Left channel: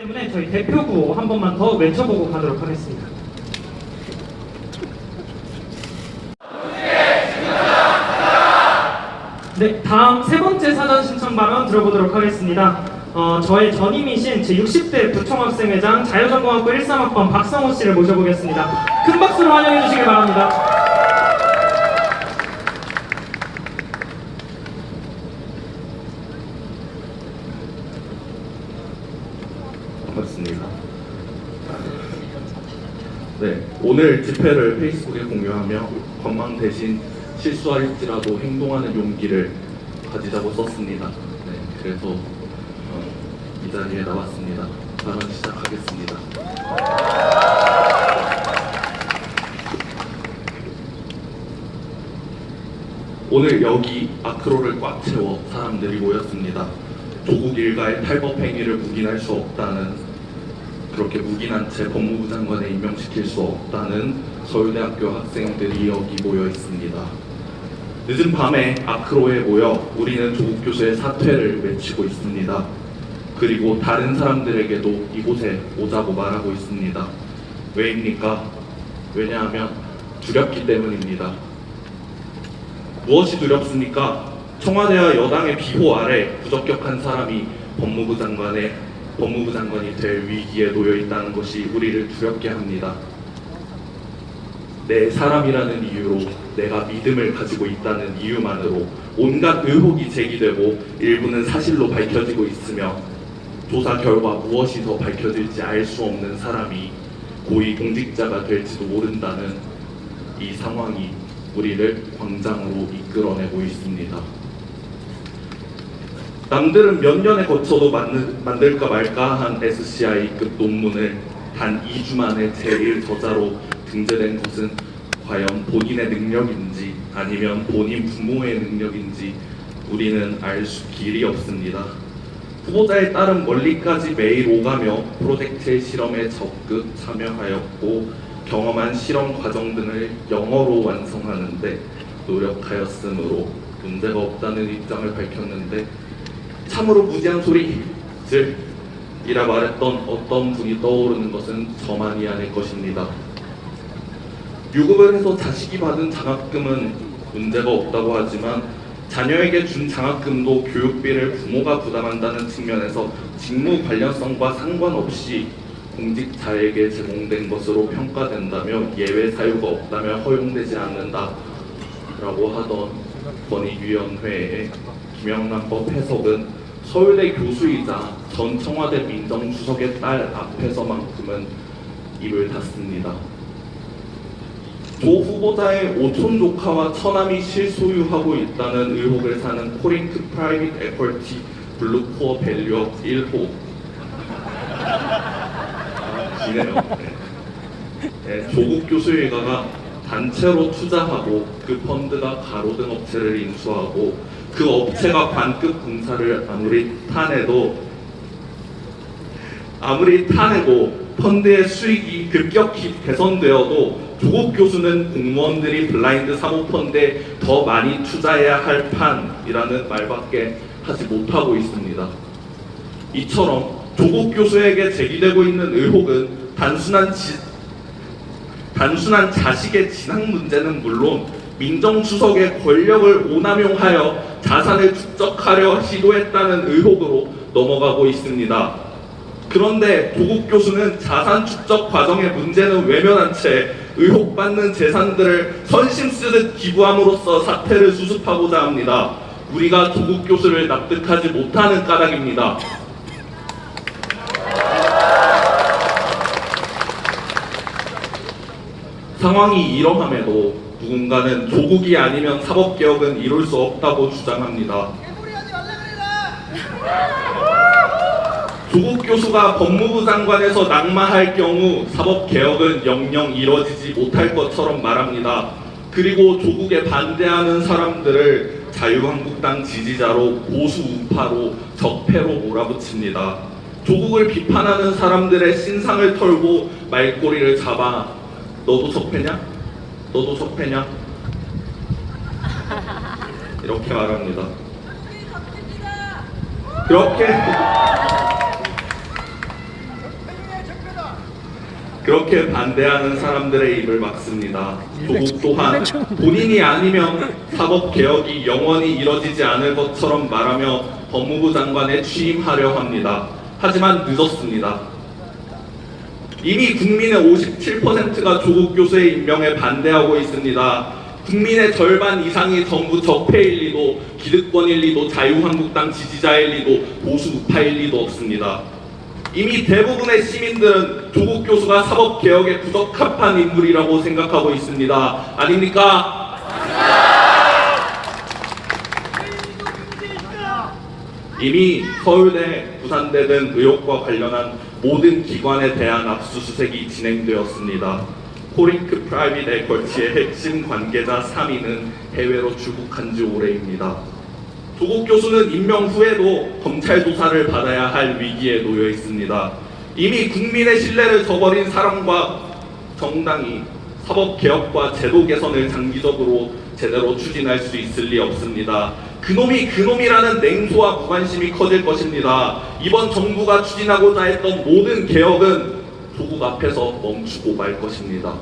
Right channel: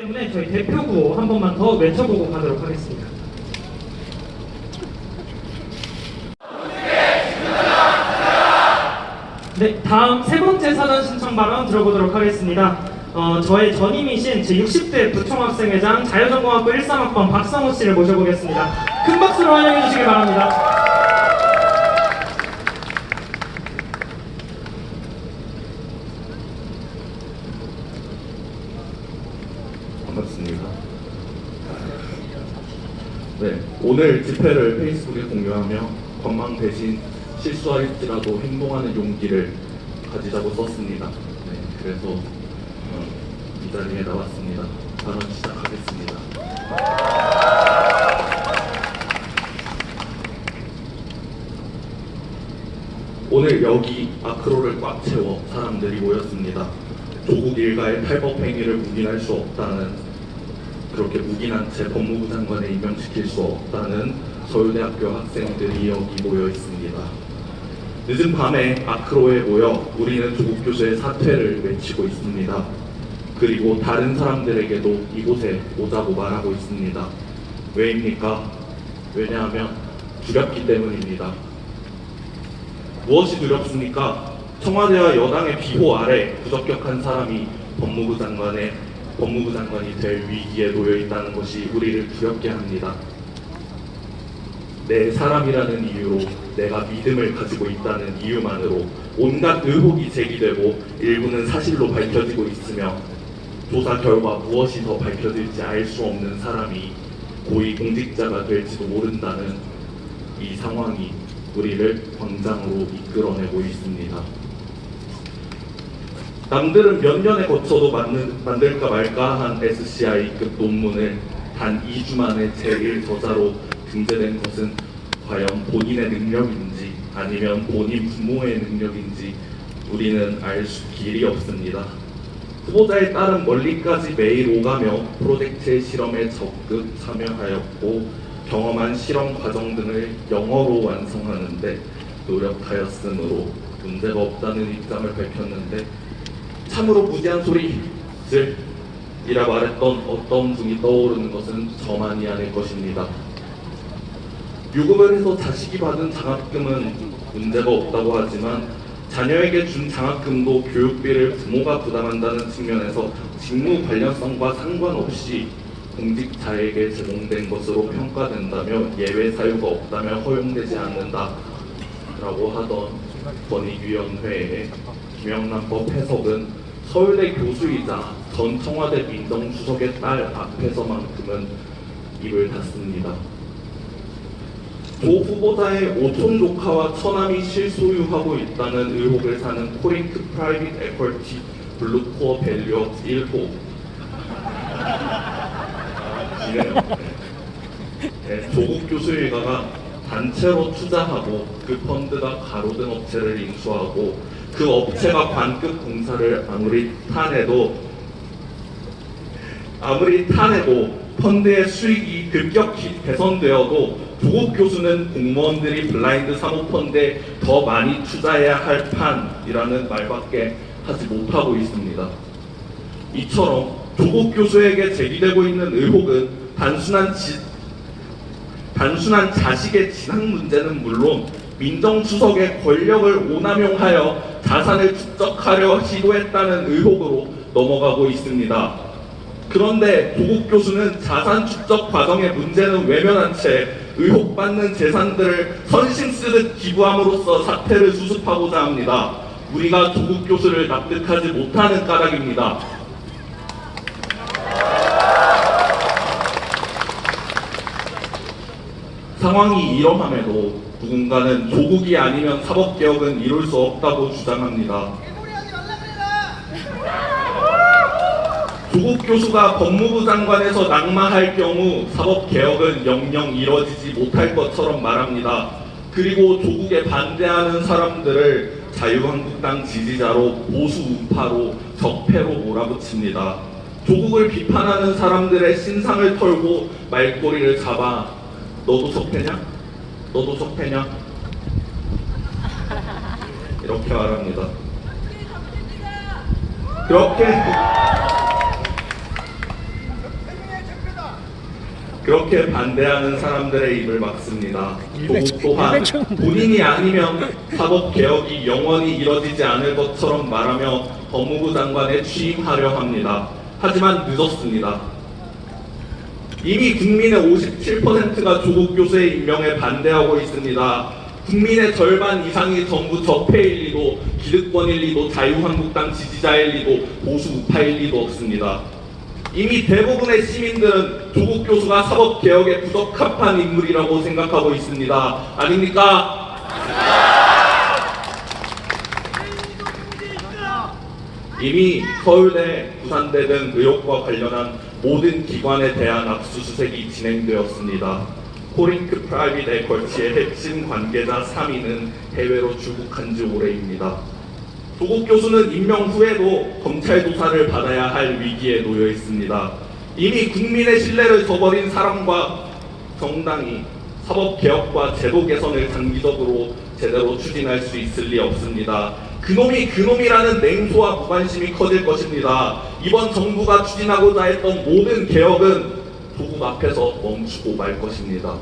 때문에 저희 대표 구호 한 번만 더 외쳐보고 가도록 하겠습니다. 네, 다음 세 번째 사전 신청 발언 들어보도록 하겠습니다. 저의 전임이신 제60대 부총학생회장 자유전공학부 13학번 박성호 씨를 모셔보겠습니다. 큰 박수로 환영해 주시기 바랍니다. 반갑습니다. 네, 오늘 집회를 페이스북에 공유하며 건망 대신 실수할지라도 행동하는 용기를 가지자고 썼습니다. 네, 그래서 이 자리에 나왔습니다. 발언 시작하겠습니다. 오늘 여기 아크로를 꽉 채워 사람들이 모였습니다. 조국 일가의 탈법 행위를 묵인할 수 없다는, 그렇게 묵인한 채 법무부 장관에 임명시킬 수 없다는 서울대학교 학생들이 여기 모여 있습니다. 늦은 밤에 아크로에 모여 우리는 조국 교수의 사퇴를 외치고 있습니다. 그리고 다른 사람들에게도 이곳에 오자고 말하고 있습니다. 왜입니까? 왜냐하면 두렵기 때문입니다. 무엇이 두렵습니까? 청와대와 여당의 비호 아래 부적격한 사람이 법무부 장관이 될 위기에 놓여 있다는 것이 우리를 두렵게 합니다. 내 사람이라는 이유로, 내가 믿음을 가지고 있다는 이유만으로 온갖 의혹이 제기되고 일부는 사실로 밝혀지고 있으며 조사 결과 무엇이 더 밝혀질지 알 수 없는 사람이 고위 공직자가 될지도 모른다는 이 상황이 우리를 광장으로 이끌어내고 있습니다. 남들은 몇 년에 거쳐도 만들까 말까 한 SCI급 논문을 단 2주 만에 제1저자로 등재된 것은 과연 본인의 능력인지 아니면 본인 부모의 능력인지 우리는 알 길이 없습니다. 후보자에 따른 멀리까지 매일 오가며 프로젝트의 실험에 적극 참여하였고 경험한 실험 과정 등을 영어로 완성하는데 노력하였으므로 문제가 없다는 입장을 밝혔는데 참으로 무지한 소리들이라 말했던 어떤 분이 떠오르는 것은 저만이 아닐 것입니다. 유급을 해서 자식이 받은 장학금은 문제가 없다고 하지만 자녀에게 준 장학금도 교육비를 부모가 부담한다는 측면에서 직무 관련성과 상관없이 공직자에게 제공된 것으로 평가된다며 예외 사유가 없다며 허용되지 않는다라고 하던 권익위원회의 김영란법 해석은 서울대 교수이자 전 청와대 민정수석의 딸 앞에서만큼은 입을 닫습니다. 조 후보자의 오촌 조카와 처남이 실소유하고 있다는 의혹을 사는 코링크 프라이빗 에퀄티 블루코어 밸류업 1호 네, 조국 교수 일가가 단체로 투자하고 그 펀드가 가로등 업체를 인수하고 그 업체가 관급 공사를 아무리 타내도 펀드의 수익이 급격히 개선되어도 조국 교수는 공무원들이 블라인드 사모펀드에 더 많이 투자해야 할 판이라는 말밖에 하지 못하고 있습니다. 이처럼 조국 교수에게 제기되고 있는 의혹은 단순한 자식의 진학 문제는 물론 민정수석의 권력을 오남용하여 자산을 축적하려 시도했다는 의혹으로 넘어가고 있습니다. 그런데 조국 교수는 자산 축적 과정의 문제는 외면한 채 의혹받는 재산들을 선심 쓰듯 기부함으로써 사태를 수습하고자 합니다. 우리가 조국 교수를 납득하지 못하는 까닭입니다. 상황이 이러함에도 누군가는 조국이 아니면 사법개혁은 이룰 수 없다고 주장합니다. 조국 교수가 법무부 장관에서 낙마할 경우 사법개혁은 영영 이뤄지지 못할 것처럼 말합니다. 그리고 조국에 반대하는 사람들을 자유한국당 지지자로 보수 우파로 적폐로 몰아붙입니다. 조국을 비판하는 사람들의 신상을 털고 말꼬리를 잡아 너도 적폐냐? 너도 적폐냐? 이렇게 말합니다. 그렇게 반대하는 사람들의 입을 막습니다. 조국 또한 본인이 아니면 사법개혁이 영원히 이뤄지지 않을 것처럼 말하며 법무부 장관에 취임하려 합니다. 하지만 늦었습니다. 이미 국민의 57%가 조국 교수의 임명에 반대하고 있습니다. 국민의 절반 이상이 전부 적폐일 리도, 기득권일 리도, 자유한국당 지지자일 리도, 보수 우파일 리도 없습니다. 이미 대부분의 시민들은 조국 교수가 사법개혁에 부적합한 인물이라고 생각하고 있습니다. 아닙니까? 이미 서울대, 부산대 등 의혹과 관련한 모든 기관에 대한 압수수색이 진행되었습니다. 코링크 프라이빗 에쿼치의 핵심 관계자 3인은 해외로 출국한 지 오래입니다. 조국 교수는 임명 후에도 검찰 조사를 받아야 할 위기에 놓여 있습니다. 이미 국민의 신뢰를 저버린 사람과 정당이 사법개혁과 제도 개선을 장기적으로 제대로 추진할 수 있을 리 없습니다. 그놈이 그놈이라는 냉소와 무관심이 커질 것입니다. 이번 정부가 추진하고자 했던 모든 개혁은 조국 앞에서 멈추고 말 것입니다.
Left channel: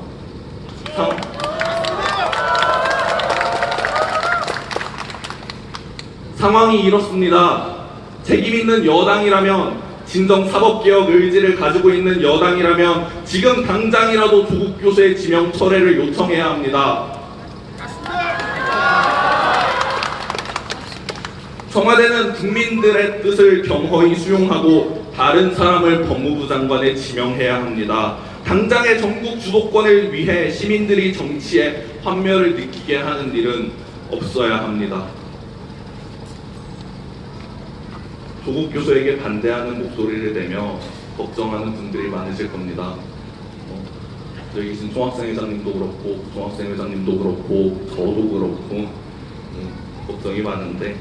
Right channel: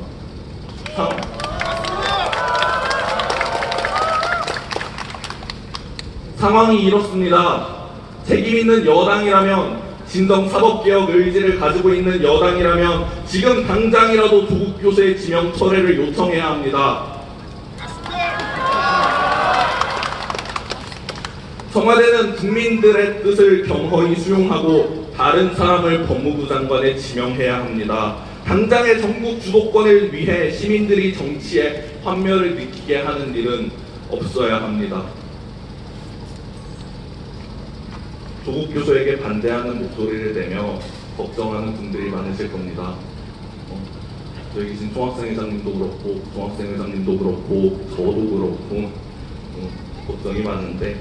상황이 이렇습니다. 책임있는 여당이라면, 진정 사법개혁 의지를 가지고 있는 여당이라면 지금 당장이라도 조국 교수의 지명 철회를 요청해야 합니다. 청와대는 국민들의 뜻을 경허히 수용하고 다른 사람을 법무부 장관에 지명해야 합니다. 당장의 전국 주도권을 위해 시민들이 정치에 환멸을 느끼게 하는 일은 없어야 합니다. 조국 교수에게 반대하는 목소리를 내며 걱정하는 분들이 많으실 겁니다. 여기 계신 총학생회장님도 그렇고, 종학생회장님도 그렇고, 저도 그렇고 걱정이 많은데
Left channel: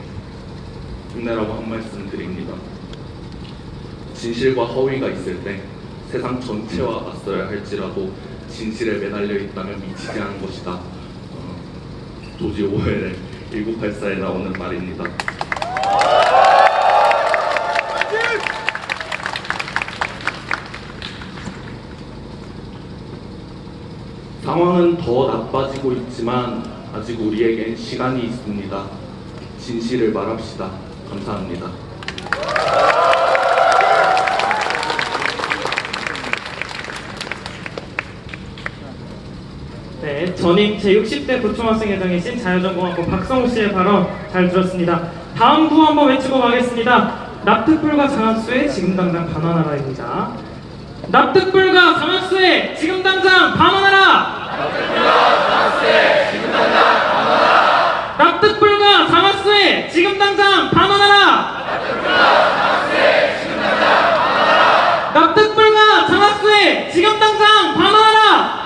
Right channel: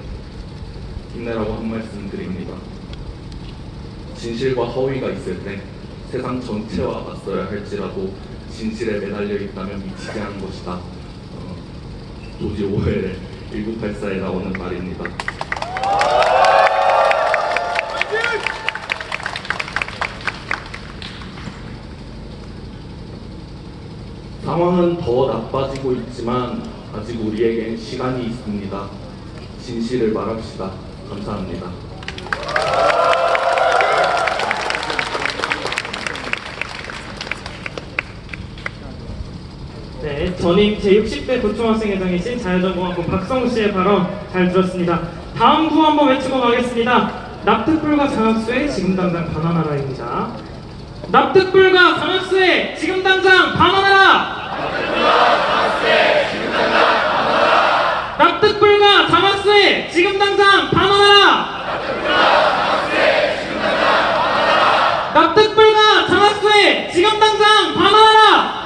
힘내라고 한 말씀 드립니다. 진실과 허위가 있을 때 세상 전체와 맞서야 할지라도 진실에 매달려 있다면 미치지 않은 것이다. 조지 오웰의 1984에 나오는 말입니다. 상황은 더 나빠지고 있지만 아직 우리에겐 시간이 있습니다. 진실을 말합시다. 감사합니다. 네, 전임 제60대 부총학생회장이신 자유전공학부 박성우 씨의 발언 잘 들었습니다. 다음 구 한번 외치고 가겠습니다. 납득불가 장학수에 지금 당장 반환하라입니다. 납득불가 장학수에 지금 당장 반환하라! 납득불가 장학수에 지금 당장 반환하라! 납득불가 장학수에 지금 당장 반환하라!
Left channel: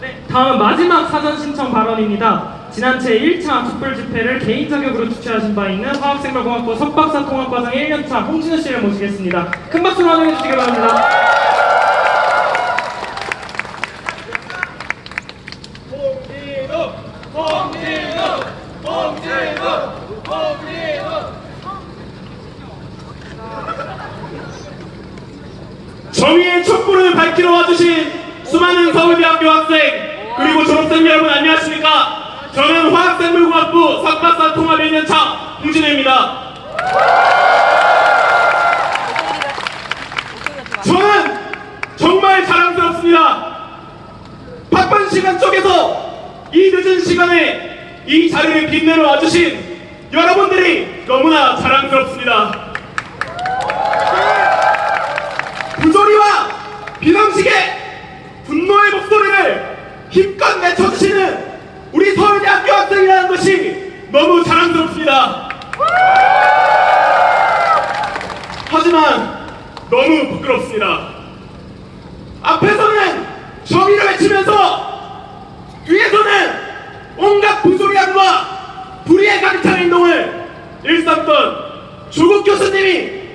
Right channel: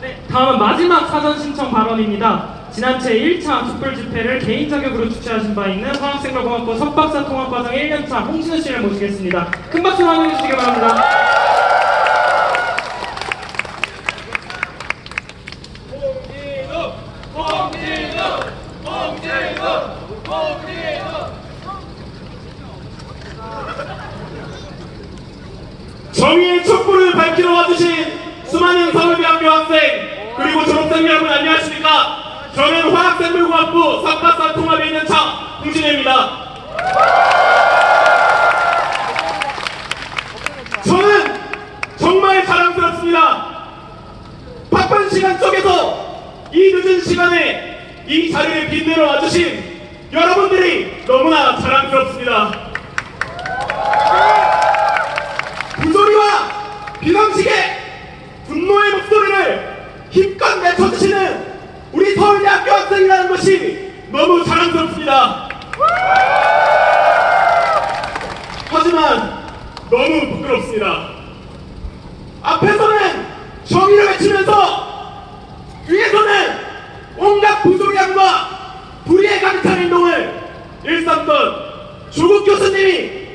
네, 다음 마지막 사전 신청 발언입니다. 지난 제1차 촛불 집회를 개인 자격으로 주최하신 바 있는 화학생물공학부 석박사 통합과정 1년차 홍진우 씨를 모시겠습니다. 큰 박수로 환영해 주시기 바랍니다. 정의의 촛불을 밝히러 와주신 수많은 서울대학교 학생 그리고 졸업생 여러분 안녕하십니까? 저는 화학생물공학부 석박사 통합 1년차 홍진우입니다. 저는 정말 자랑스럽습니다. 바쁜 시간 속에서 이 늦은 시간에 이 자리를 빛내러 와주신 여러분들이 너무나 자랑스럽습니다. 부조리와 비방식의 분노의 목소리를 힘껏 내쳐주시는 우리 서울대학교 학생이라는 것이 너무 자랑스럽습니다. 하지만 너무 부끄럽습니다. 앞에서는 정의를 외치면서 뒤에서는 온갖 부조리함과 불의에 가득 찬 행동을 일삼던 조국 교수님이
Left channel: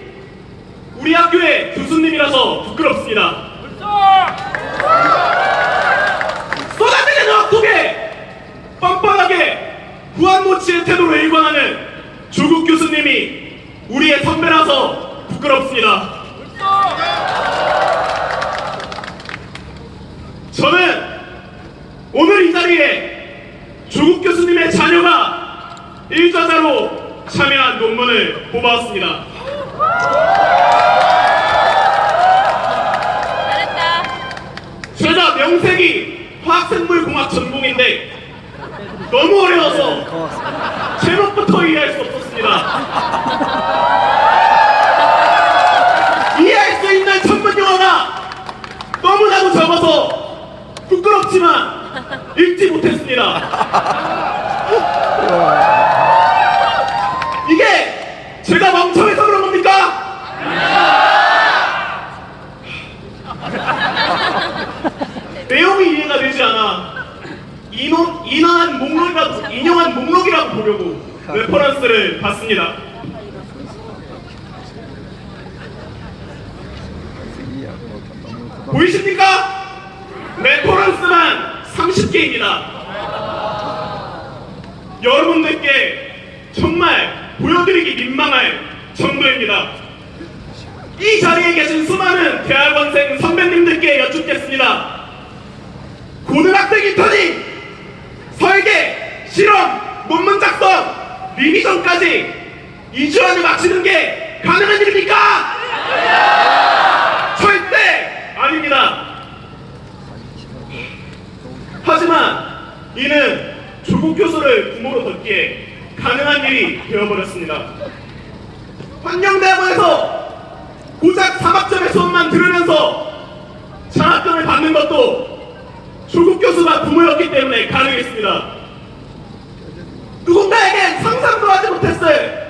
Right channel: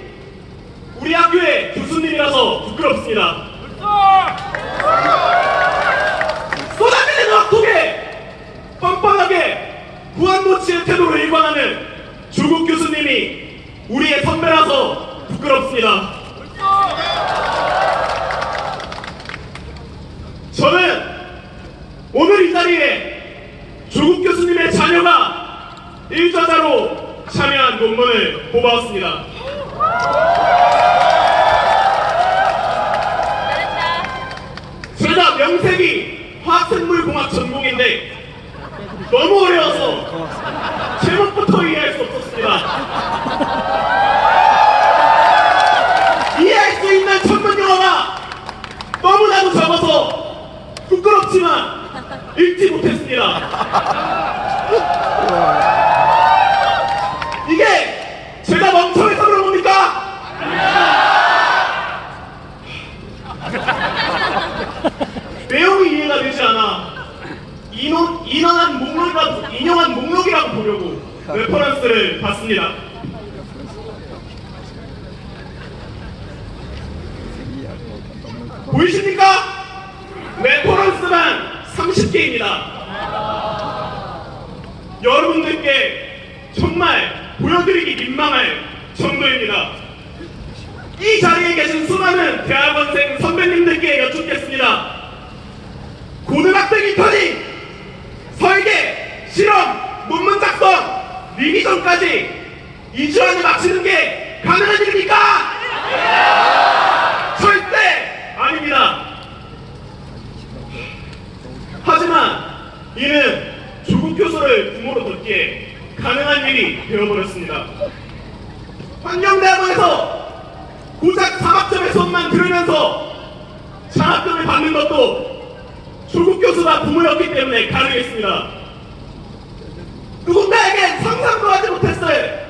우리 학교의 교수님이라서 부끄럽습니다. 쏟아지는 억속에 뻔뻔하게 무한도치의 태도로 일관하는 조국 교수님이 우리의 선배라서 부끄럽습니다. 1저자로 참여한 논문을 뽑아왔습니다. 제가 명색이 화학생물공학 전공인데 너무 어려워서 제목부터 이해할 수 없었습니다. 이해할 수 있는 전문 용어가 너무나도 적어서 부끄럽지만 읽지 못했습니다. 이게 제가 멍청해서 그런 겁니까? 내용이 이해가 되지 않아 인용한 목록이라고 보려고 레퍼런스를 봤습니다. 보이십니까? 레퍼런스만 30개입니다. 여러분들께 정말 보여드리기 민망할 정도입니다. 이 자리에 계신 수많은 대학원생 선배님들께 여쭙겠습니다. 고등학생 인턴이 설계, 실험, 논문 작성, 리비전까지 2주 안에 마치는 게 가능한 일입니까? 절대 아닙니다. 하지만 이는 조국 교수를 부모로 뒀기에 가능한 일이 되어버렸습니다. 환경대학원에서 고작 4학점의 수업만 들으면서 장학금을 받는 것도 조국 교수가 부모였기 때문에 가능했습니다. 누군가에겐 상상도 하지 못했을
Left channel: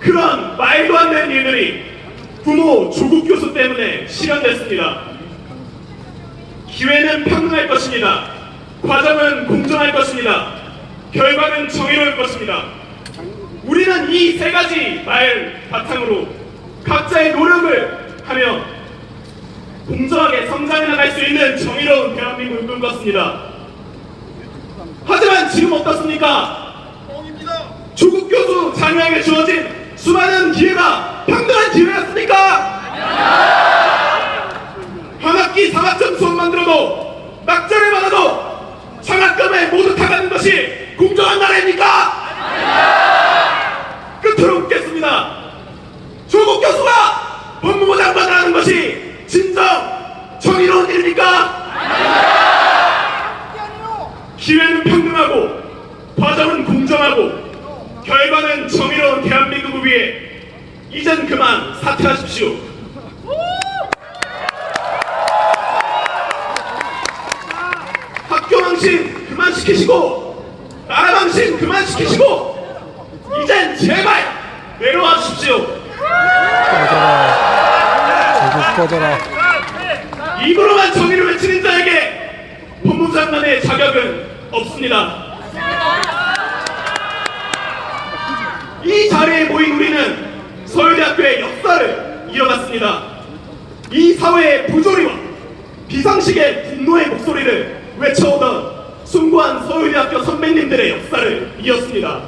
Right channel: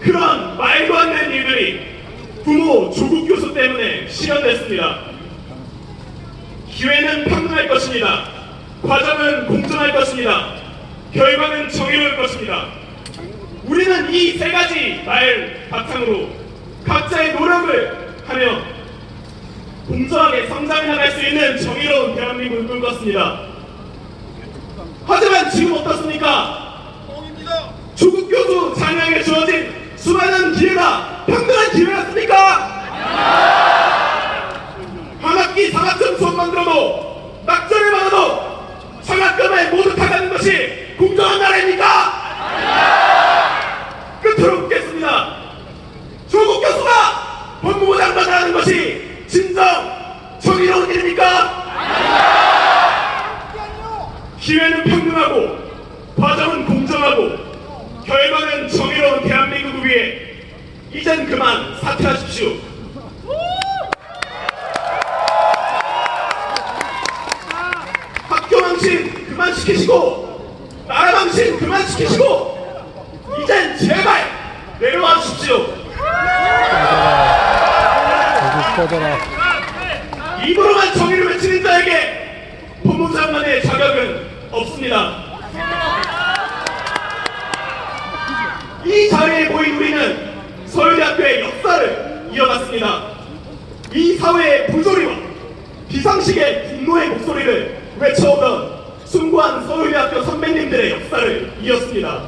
그런 말도 안 되는 일들이 부모 조국 교수 때문에 실현됐습니다. 기회는 평등할 것입니다. 과정은 공정할 것입니다. 결과는 정의로울 것입니다. 우리는 이 세 가지 말 바탕으로 각자의 노력을 하며 공정하게 성장해 나갈 수 있는 정의로운 대한민국을 꿈꿨습니다. 하지만 지금 어떻습니까? 조국 교수 자녀에게 주어진 수많은 기회가 평등한 기회였습니까? 한 학기 4학점 수업만 들어도 낙제를 받아도 장학금에 모두 다 가는 것이 공정한 나라입니까? 끝으로 묻겠습니다. 조국 교수가 법무부 장관을 하는 것이 진정 정의로운 일입니까? 기회는 평등하고 과정은 공정하고 결과는 정의로운 대한민국을 위해 이젠 그만 사퇴하십시오. 학교 망신 그만 시키시고 나라 망신 그만 시키시고 이젠 제발 내려와 주십시오. 꺼져라. 입으로만 정의를 외치는 자에게 법무부 장관의 자격은 없습니다. 이 자리에 모인 우리는 서울대학교의 역사를 이어갔습니다. 이 사회의 부조리와 비상식의 분노의 목소리를 외쳐오던 숭고한 서울대학교 선배님들의 역사를 이었습니다.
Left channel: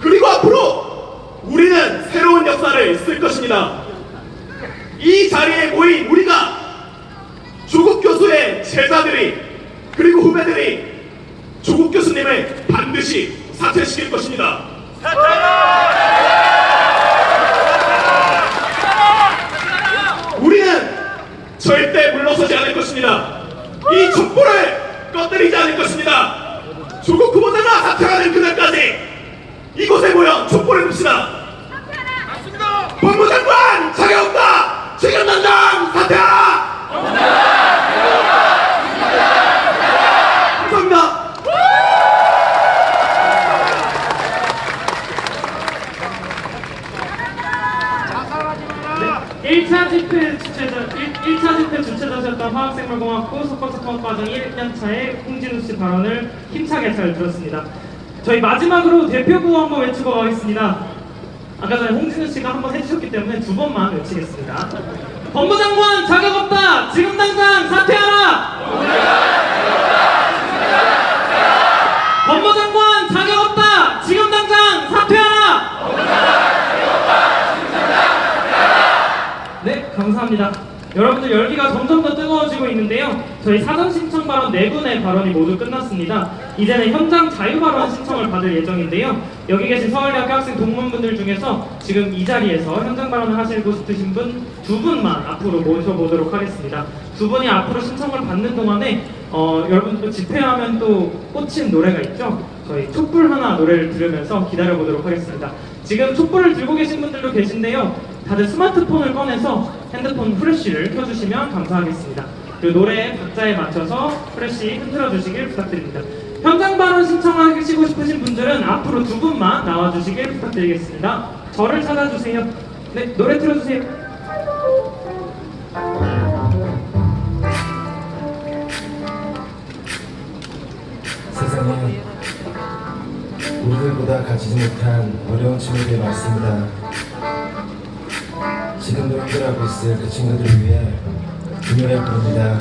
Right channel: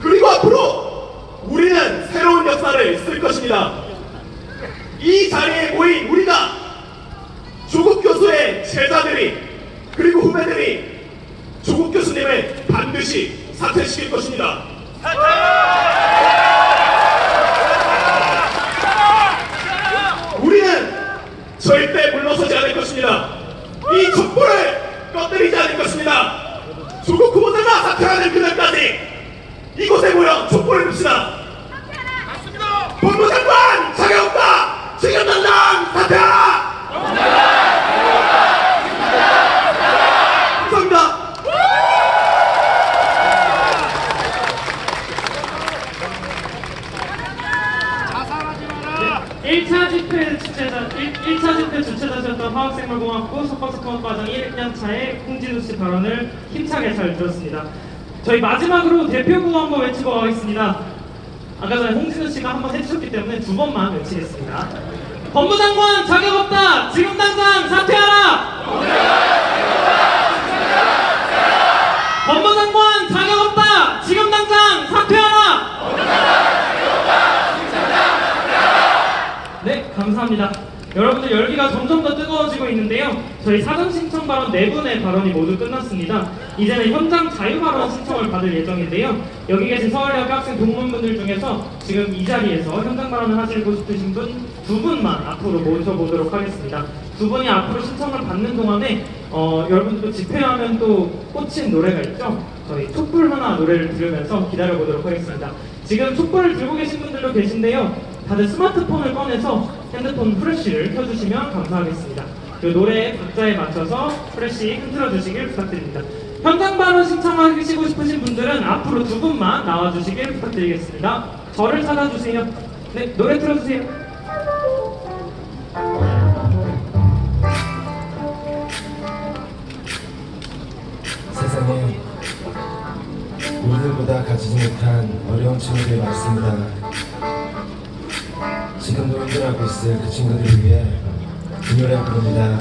그리고 앞으로 우리는 새로운 역사를 쓸 것입니다. 이 자리에 모인 우리가 조국 교수의 제자들이 그리고 후배들이 조국 교수님을 반드시 사퇴시킬 것입니다. 우리는 절대 물러서지 않을 것입니다. 이 촛불을 꺼뜨리지 않을 것입니다. 조국 후보자가 사퇴하는 그날까지 이곳에 모여 촛불을 봅시다. 법무부 장관 자격 없다. 지금 당장 사퇴하라. 감사합니다. 1차 집회 주최자셨던 화학생물공학부 석박사통합과정 1년차의 홍진우 씨 발언을 힘차게 잘 들었습니다. 저희 마지막으로 대표구 한번 외치고 가겠습니다. 아까 전에 홍진우 씨가 한번 해주셨기 때문에 두 번만 외치겠습니다. 법무장관 자격 없다! 지금 당장 사퇴하라! 법무장관 자격 없다! 지금 당장 사퇴하라! 네, 감사합니다. 여러분들 열기가 점점 더 뜨거워지고 있는데요. 저희 사전 신청 발언 4분의 발언이 모두 끝났습니다. 이제는 현장 자유발언 신청을 받을 예정인데요. 여기 계신 서울대학교 학생 동문분들 중에서 지금 이 자리에서 현장 발언을 하시고 싶으신 분 두 분만 앞으로 모셔보도록 하겠습니다. 두 분이 앞으로 신청을 받는 동안에 여러분 또 집회하면 또 꽂힌 노래가 있죠. 저희 촛불 하나 노래를 들으면서 기다려보도록 하겠습니다. 지금 촛불을 들고 계신 분들도 계신데요. 다들 스마트폰을 꺼내서 핸드폰 프레쉬를 켜주시면 감사하겠습니다. 그리고 노래 박자에 맞춰서 프레쉬 흔들어 주시길 부탁드립니다. 현장 발언 신청하시고 싶으신 분들은 앞으로 두 분만 나와주시길 부탁드리겠습니다. 저를 찾아주세요. 네, 노래 틀어주세요. 세상에 우리들보다 가지지 못한 어려운 친구들이 많습니다. 지금도 힘들어하고 있을 그 친구들을 위해 이 노래 부릅니다.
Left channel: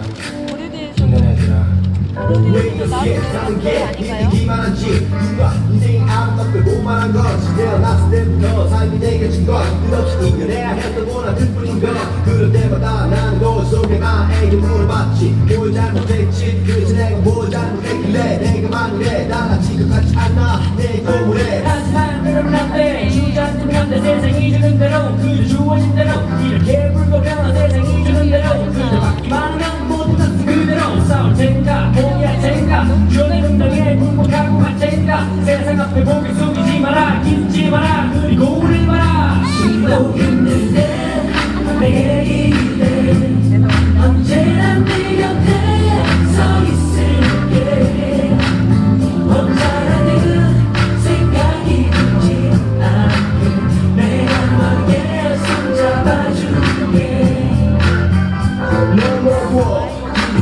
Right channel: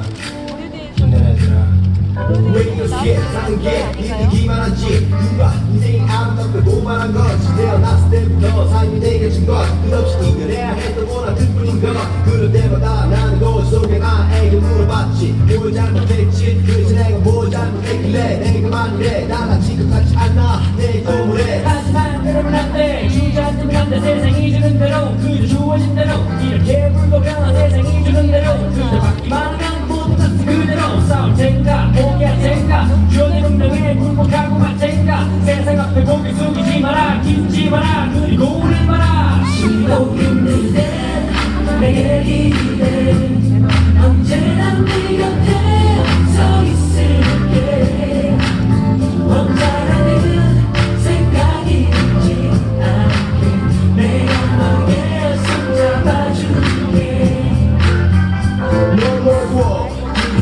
힘내라 얘들아. 왜 이렇게 다른 게 믿기기만 하지 누가 인생이 아름답고 고만한 건지 태어났을 때부터 삶이 내게 준 건 끝없이 이겨내야 했던 원한들 뿐인 것 그럴 때마다 나는 거울 속에 나에게 물어봤지 뭘 잘못했지 그래서 내가 뭘 잘못했길래 내가 만일에 나같이 똑같지 않나 내 도문에 하지만 그러면 안돼 주저앉으면 안돼 세상이 주는 대로 그저 주어진 대로 이렇게 불고 변한 세상이 주는 대로 그저 받기만 하면 모두 다 그대로 싸울 텐가 포기할 텐가 주어내 운명에 굴복하고 갈 텐가 세상 앞에 고개 숙이지 마라 기지 마라 그리고 오늘 봐라 쉬고 있는 때 내게 기대 언제나 네 곁에 서 있을게 혼자라는 생각이 들지 않게 내가 너의 손 잡아줄게 너무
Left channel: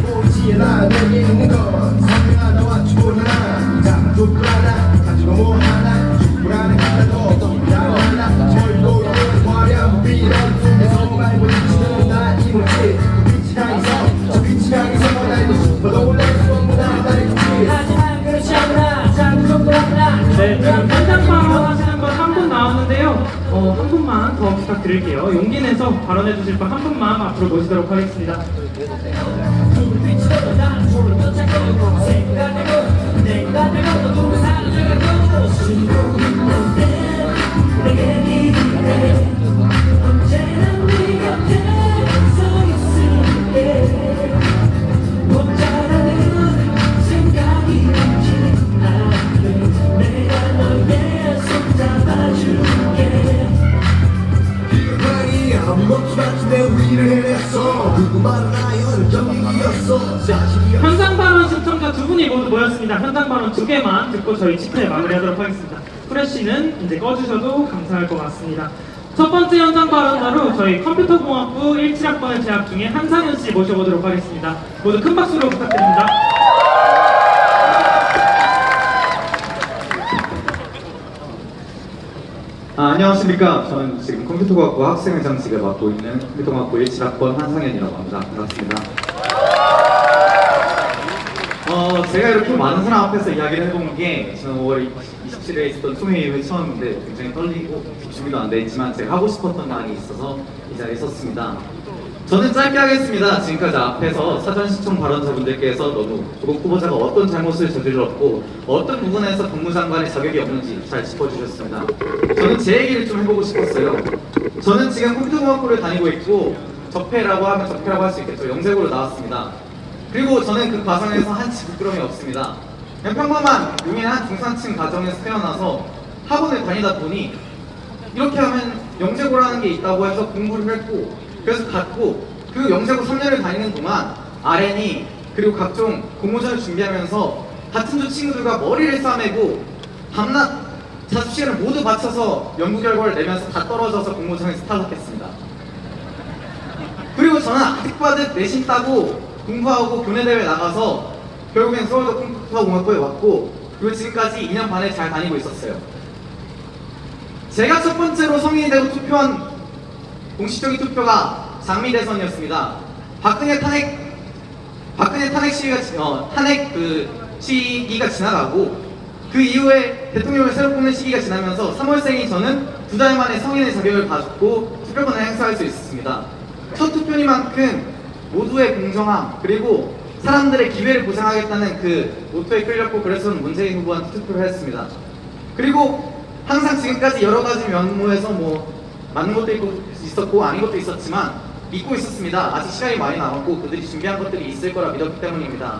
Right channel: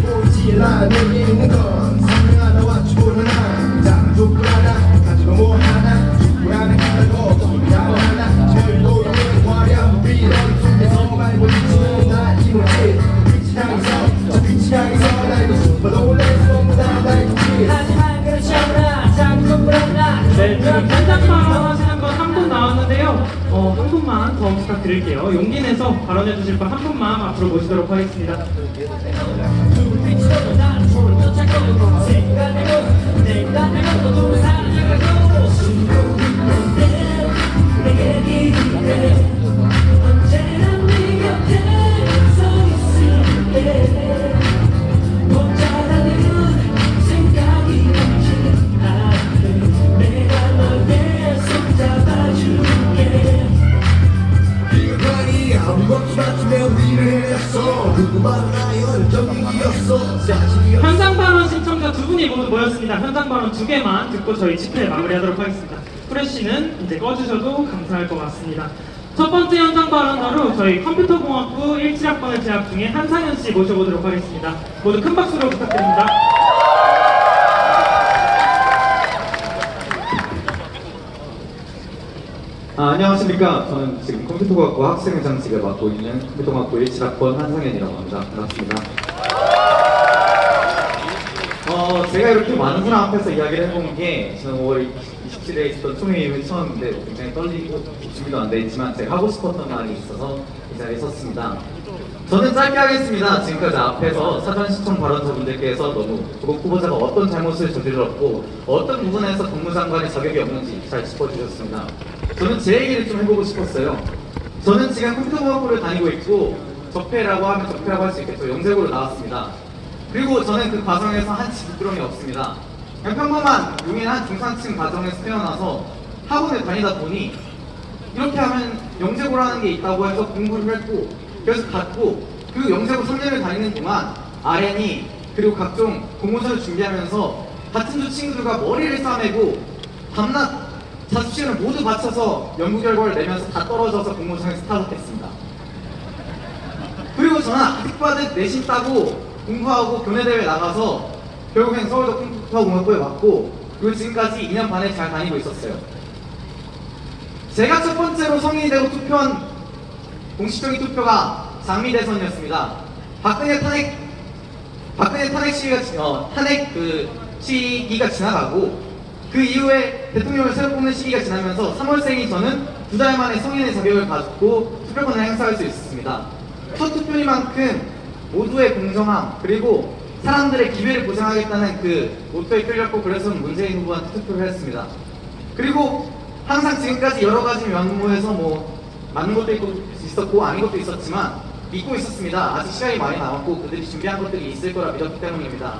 보지 않아 내게 있는 건 사랑 하나와 촛불 하나 작은 촛불 하나 가지고 뭐 하나 촛불 하나 간다고 촛불 하나 절로 너의 화려한 빛나는 속에서 말고 지치는 나 이모지 빛이 향해서 저 빛이 향해서 날고 싶어도 내 손보다 날 굳이 하지만 그렇지 않아 작은 촛불 하나 네, 지금 현장 발언 하시는 분 한 분 나왔는데요. 한 분만 더 부탁드릴게요. 용기 내서 발언해 주실 분 한 분만 앞으로 모시도록 하겠습니다. 불빛으로 나는 소를 쫓아가고 생각하고 내가 되고 또 사라져가고 숨고 있는데 내게 믿을게 언제나 네 곁에 서 있을게 혼자라는 생각이 들지 않게 내가 너의 손 잡아줄게 기억하니 아무것도 맞추며 우리를 해냈어 누구만은 아이언 정리였어 자신이 현장 발언 신청자 두 분이 모두 모였습니다. 현장 발언 두 개만 듣고 저희 집회 마무리하도록 하겠습니다. 프레쉬는 이제 꺼주셔도 감사할 것 같습니다. 첫 번째 현장 발언으로 저희 컴퓨터공학부 17학번에 재학 중인 한상현 씨 모셔보도록 하겠습니다. 모두 큰 박수로 부탁드립니다. 안녕하십니까. 저는 지금 컴퓨터과학부 학생회장직을 맡고 있는 컴퓨터과학부 17학번 한상현이라고 합니다. 반갑습니다. 제가 이렇게 많은 사람 앞에서 이야기를 해보는 게 저는 5월 27일에 있었던 소매임은 처음인데 굉장히 떨리고 준비도 안 돼 있지만 제가 하고 싶었던 말이 있어서 이 자리에 섰습니다. 저는 짧게 하겠습니다. 지금까지 앞에서 사전 신청 발언자분들께서 너무 구독 후보자가 어떤 잘못을 저질렀고 어떤 부분에서 법무장관의 자격이 없는지 잘 짚어주셨습니다. 저는 제 얘기를 좀 해보고 싶었어요. 저는 지금 컴퓨터공학부를 다니고 있고 적폐라고 하면 적폐라고 할 수 있겠죠. 영재고로 나왔습니다. 그리고 저는 그 과정에서 한치 부끄러움이 없습니다. 그냥 평범한 용인한 중상층 가정에서 태어나서 학원에 다니다 보니 이렇게 하면 영재고라는 게 있다고 해서 공부를 했고 그래서 갔고 그 영재고 3년을 다니는 동안 RN이 그리고 각종 공모전을 준비하면서 같은 조 친구들과 머리를 싸매고 밤낮 자습시간을 모두 바쳐서 연구 결과를 내면서 다 떨어져서 공모전에서 탈락했습니다. 그리고 저는 아직 봐도 내신 따고 공부하고 교내대회 나가서 결국엔 서울대 컴퓨터공학부에 왔고 그리고 지금까지 2년 반을 잘 다니고 있었어요. 제가 첫 번째로 성인이 되고 투표한 공식적인 투표가 장미 대선이었습니다. 박근혜 탄핵 시기가 지나가고 그 이후에 대통령을 새로 뽑는 시기가 지나면서 3월생인 저는 2달 만에 성인의 자격을 가졌고 투표권을 행사할 수 있었습니다. 첫 투표니만큼 모두의 공정함 그리고 사람들의 기회를 보장하겠다는 그 모토에 끌렸고 그래서 문재인 후보한테 투표를 했습니다. 그리고 항상 지금까지 여러 가지 면모에서 뭐 맞는 것도 있었고 아닌 것도 있었지만 믿고 있었습니다. 아직 시간이 많이 남았고 그들이 준비한 것들이 있을 거라 믿었기 때문입니다.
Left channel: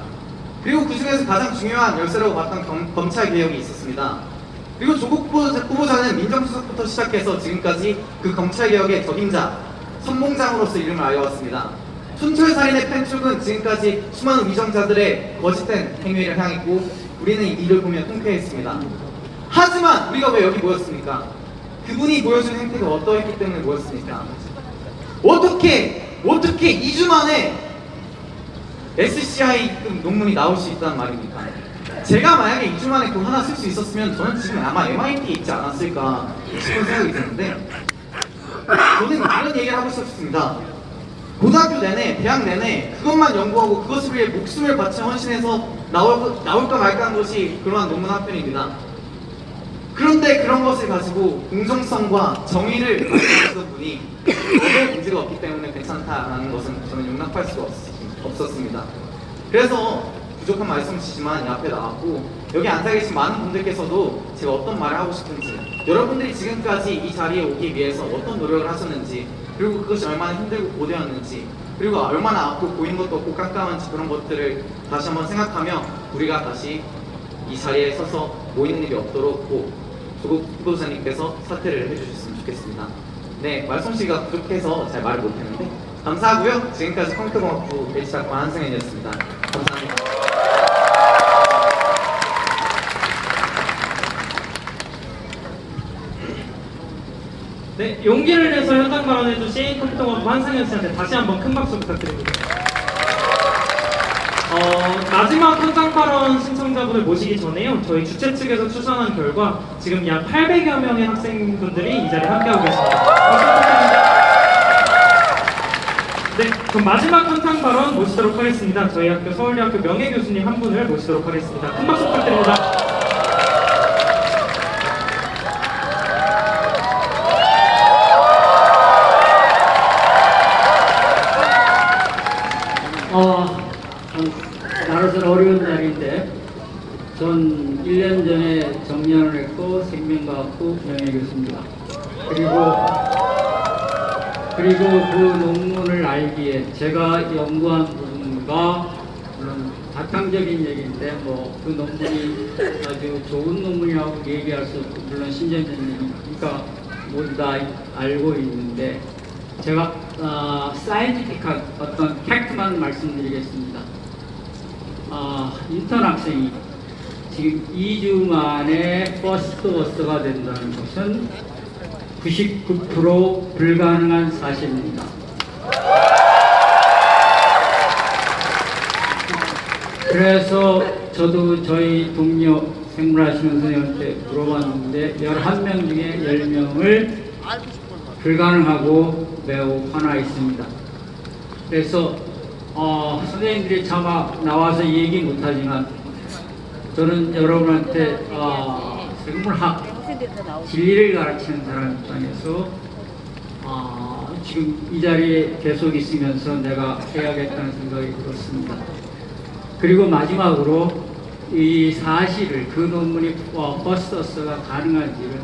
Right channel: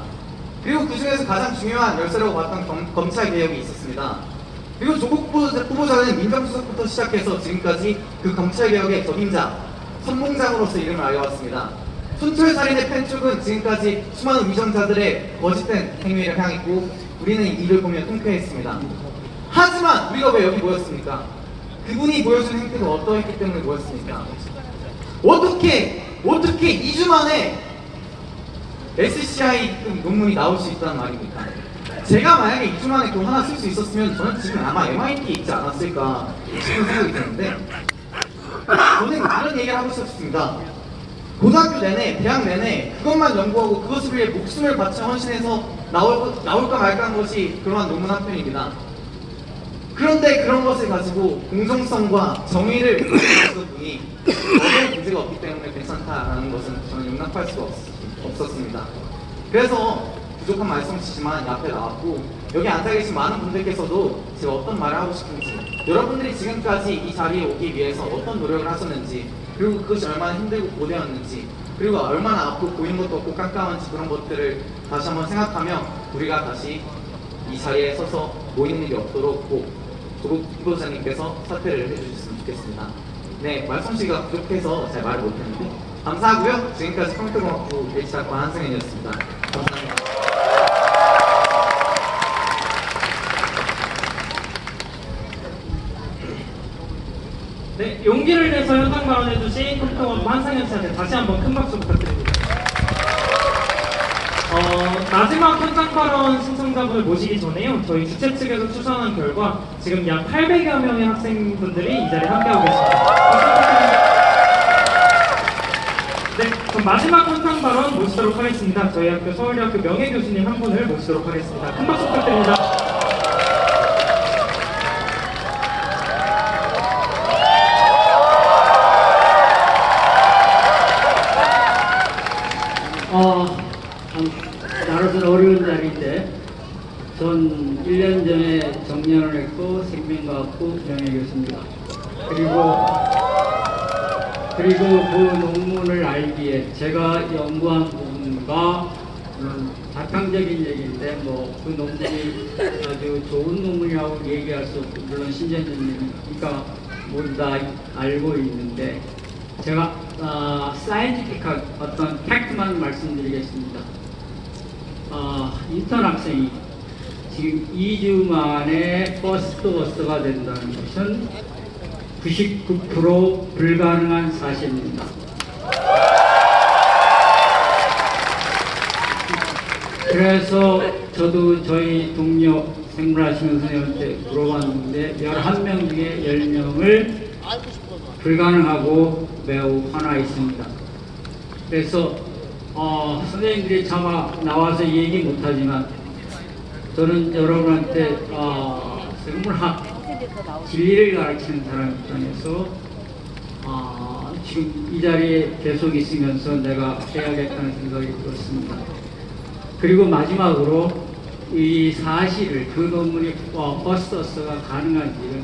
그리고 그 중에서 가장 중요한 열쇠라고 봤던 검찰 개혁이 있었습니다. 그리고 조국 후보자는 민정수석부터 시작해서 지금까지 그 검찰 개혁의 적임자, 선봉장으로서 이름을 알려왔습니다. 촌철살인의 펜축은 지금까지 수많은 위정자들의 거짓된 행위를 향했고 우리는 이를 보며 통쾌했습니다. 하지만 우리가 왜 여기 모였습니까? 그분이 보여준 행태가 어떠했기 때문에 모였습니까? 어떻게 2주 만에 SCI 논문이 나올 수 있다는 말입니까? 제가 만약에 2주 만에 그거 하나 쓸 수 있었으면 저는 지금 아마 MIT에 있지 않았을까 싶은 생각이 드는데 저는 이런 얘기를 하고 싶습니다. 고등학교 내내, 대학 내내 그것만 연구하고 그것을 위해 목숨을 바쳐 헌신해서 나올까 말까 하는 것이 그러한 논문 한 편입니다. 그런데 그런 것을 가지고 공정성과 정의를 보여주는 분이 아무 문제가 없기 때문에 괜찮다라는 것은 저는 용납할 수가 없었습니다. 그래서 부족한 말씀이시지만 이 앞에 나왔고 여기 앉아 계신 많은 분들께서도 제가 어떤 말을 하고 싶은지 여러분들이 지금까지 이 자리에 오기 위해서 어떤 노력을 하셨는지 그리고 그것이 얼마나 힘들고 고되었는지 그리고 얼마나 아프고 보이는 것도 없고 깜깜한지 그런 것들을 다시 한번 생각하며 우리가 다시 이 자리에 서서 모이는 일이 없도록 꼭 조국 후보자님께서 사퇴를 해주셨으면 좋겠습니다. 네, 말씀시가 부족해서 잘 말을 못했는데 감사하고요. 지금까지 컴퓨터공학부 배치학과 한승현이었습니다. 감사합니다. 네, 용기를 내서 현장 발언해주신 컴퓨터공학부 한승현 씨한테 다시 한번 큰 박수 부탁드립니다. 마지막 현장 발언 신청자분을 모시기 전에요. 저희 주최 측에서 추천한 결과 지금 약 800여 명의 학생분들이 이 자리에 함께하고 계십니다. 네, 그럼 마지막 현장 발언 모시도록 하겠습니다. 저희 학교 서울대학교 명예교수님 한 분을 모시도록 하겠습니다. 큰 박수 부탁드립니다. 나로서는 어려운 자리인데 전 1년 전에 정년을 했고 생명과학부 명예교수입니다. 그리고 그 논문을 알기에 제가 연구한 부분과 바탕적인 얘기인데 뭐 그 논문이 아주 좋은 논문이라고 얘기할 수 없고 물론 신전님이니까 모두 다 알고 있는데 제가 사이언티픽한 어떤 팩트만 말씀드리겠습니다. 인턴 학생이 지금 2주 만에 퍼스트 버스가 된다는 것은 99% 불가능한 사실입니다. 그래서 저도 저희 동료 생물하시는 선생님한테 물어봤는데 11명 중에 10명을 불가능하고 매우 화나 있습니다. 그래서 선생님들이 차마 나와서 얘기 못하지만 저는 여러분한테 생물학 진리를 가르치는 사람 입장에서 지금 이 자리에 계속 있으면서 내가 해야겠다는 생각이 들었습니다. 그리고 마지막으로 이 사실을 그 논문이 버스터스가 가능한지를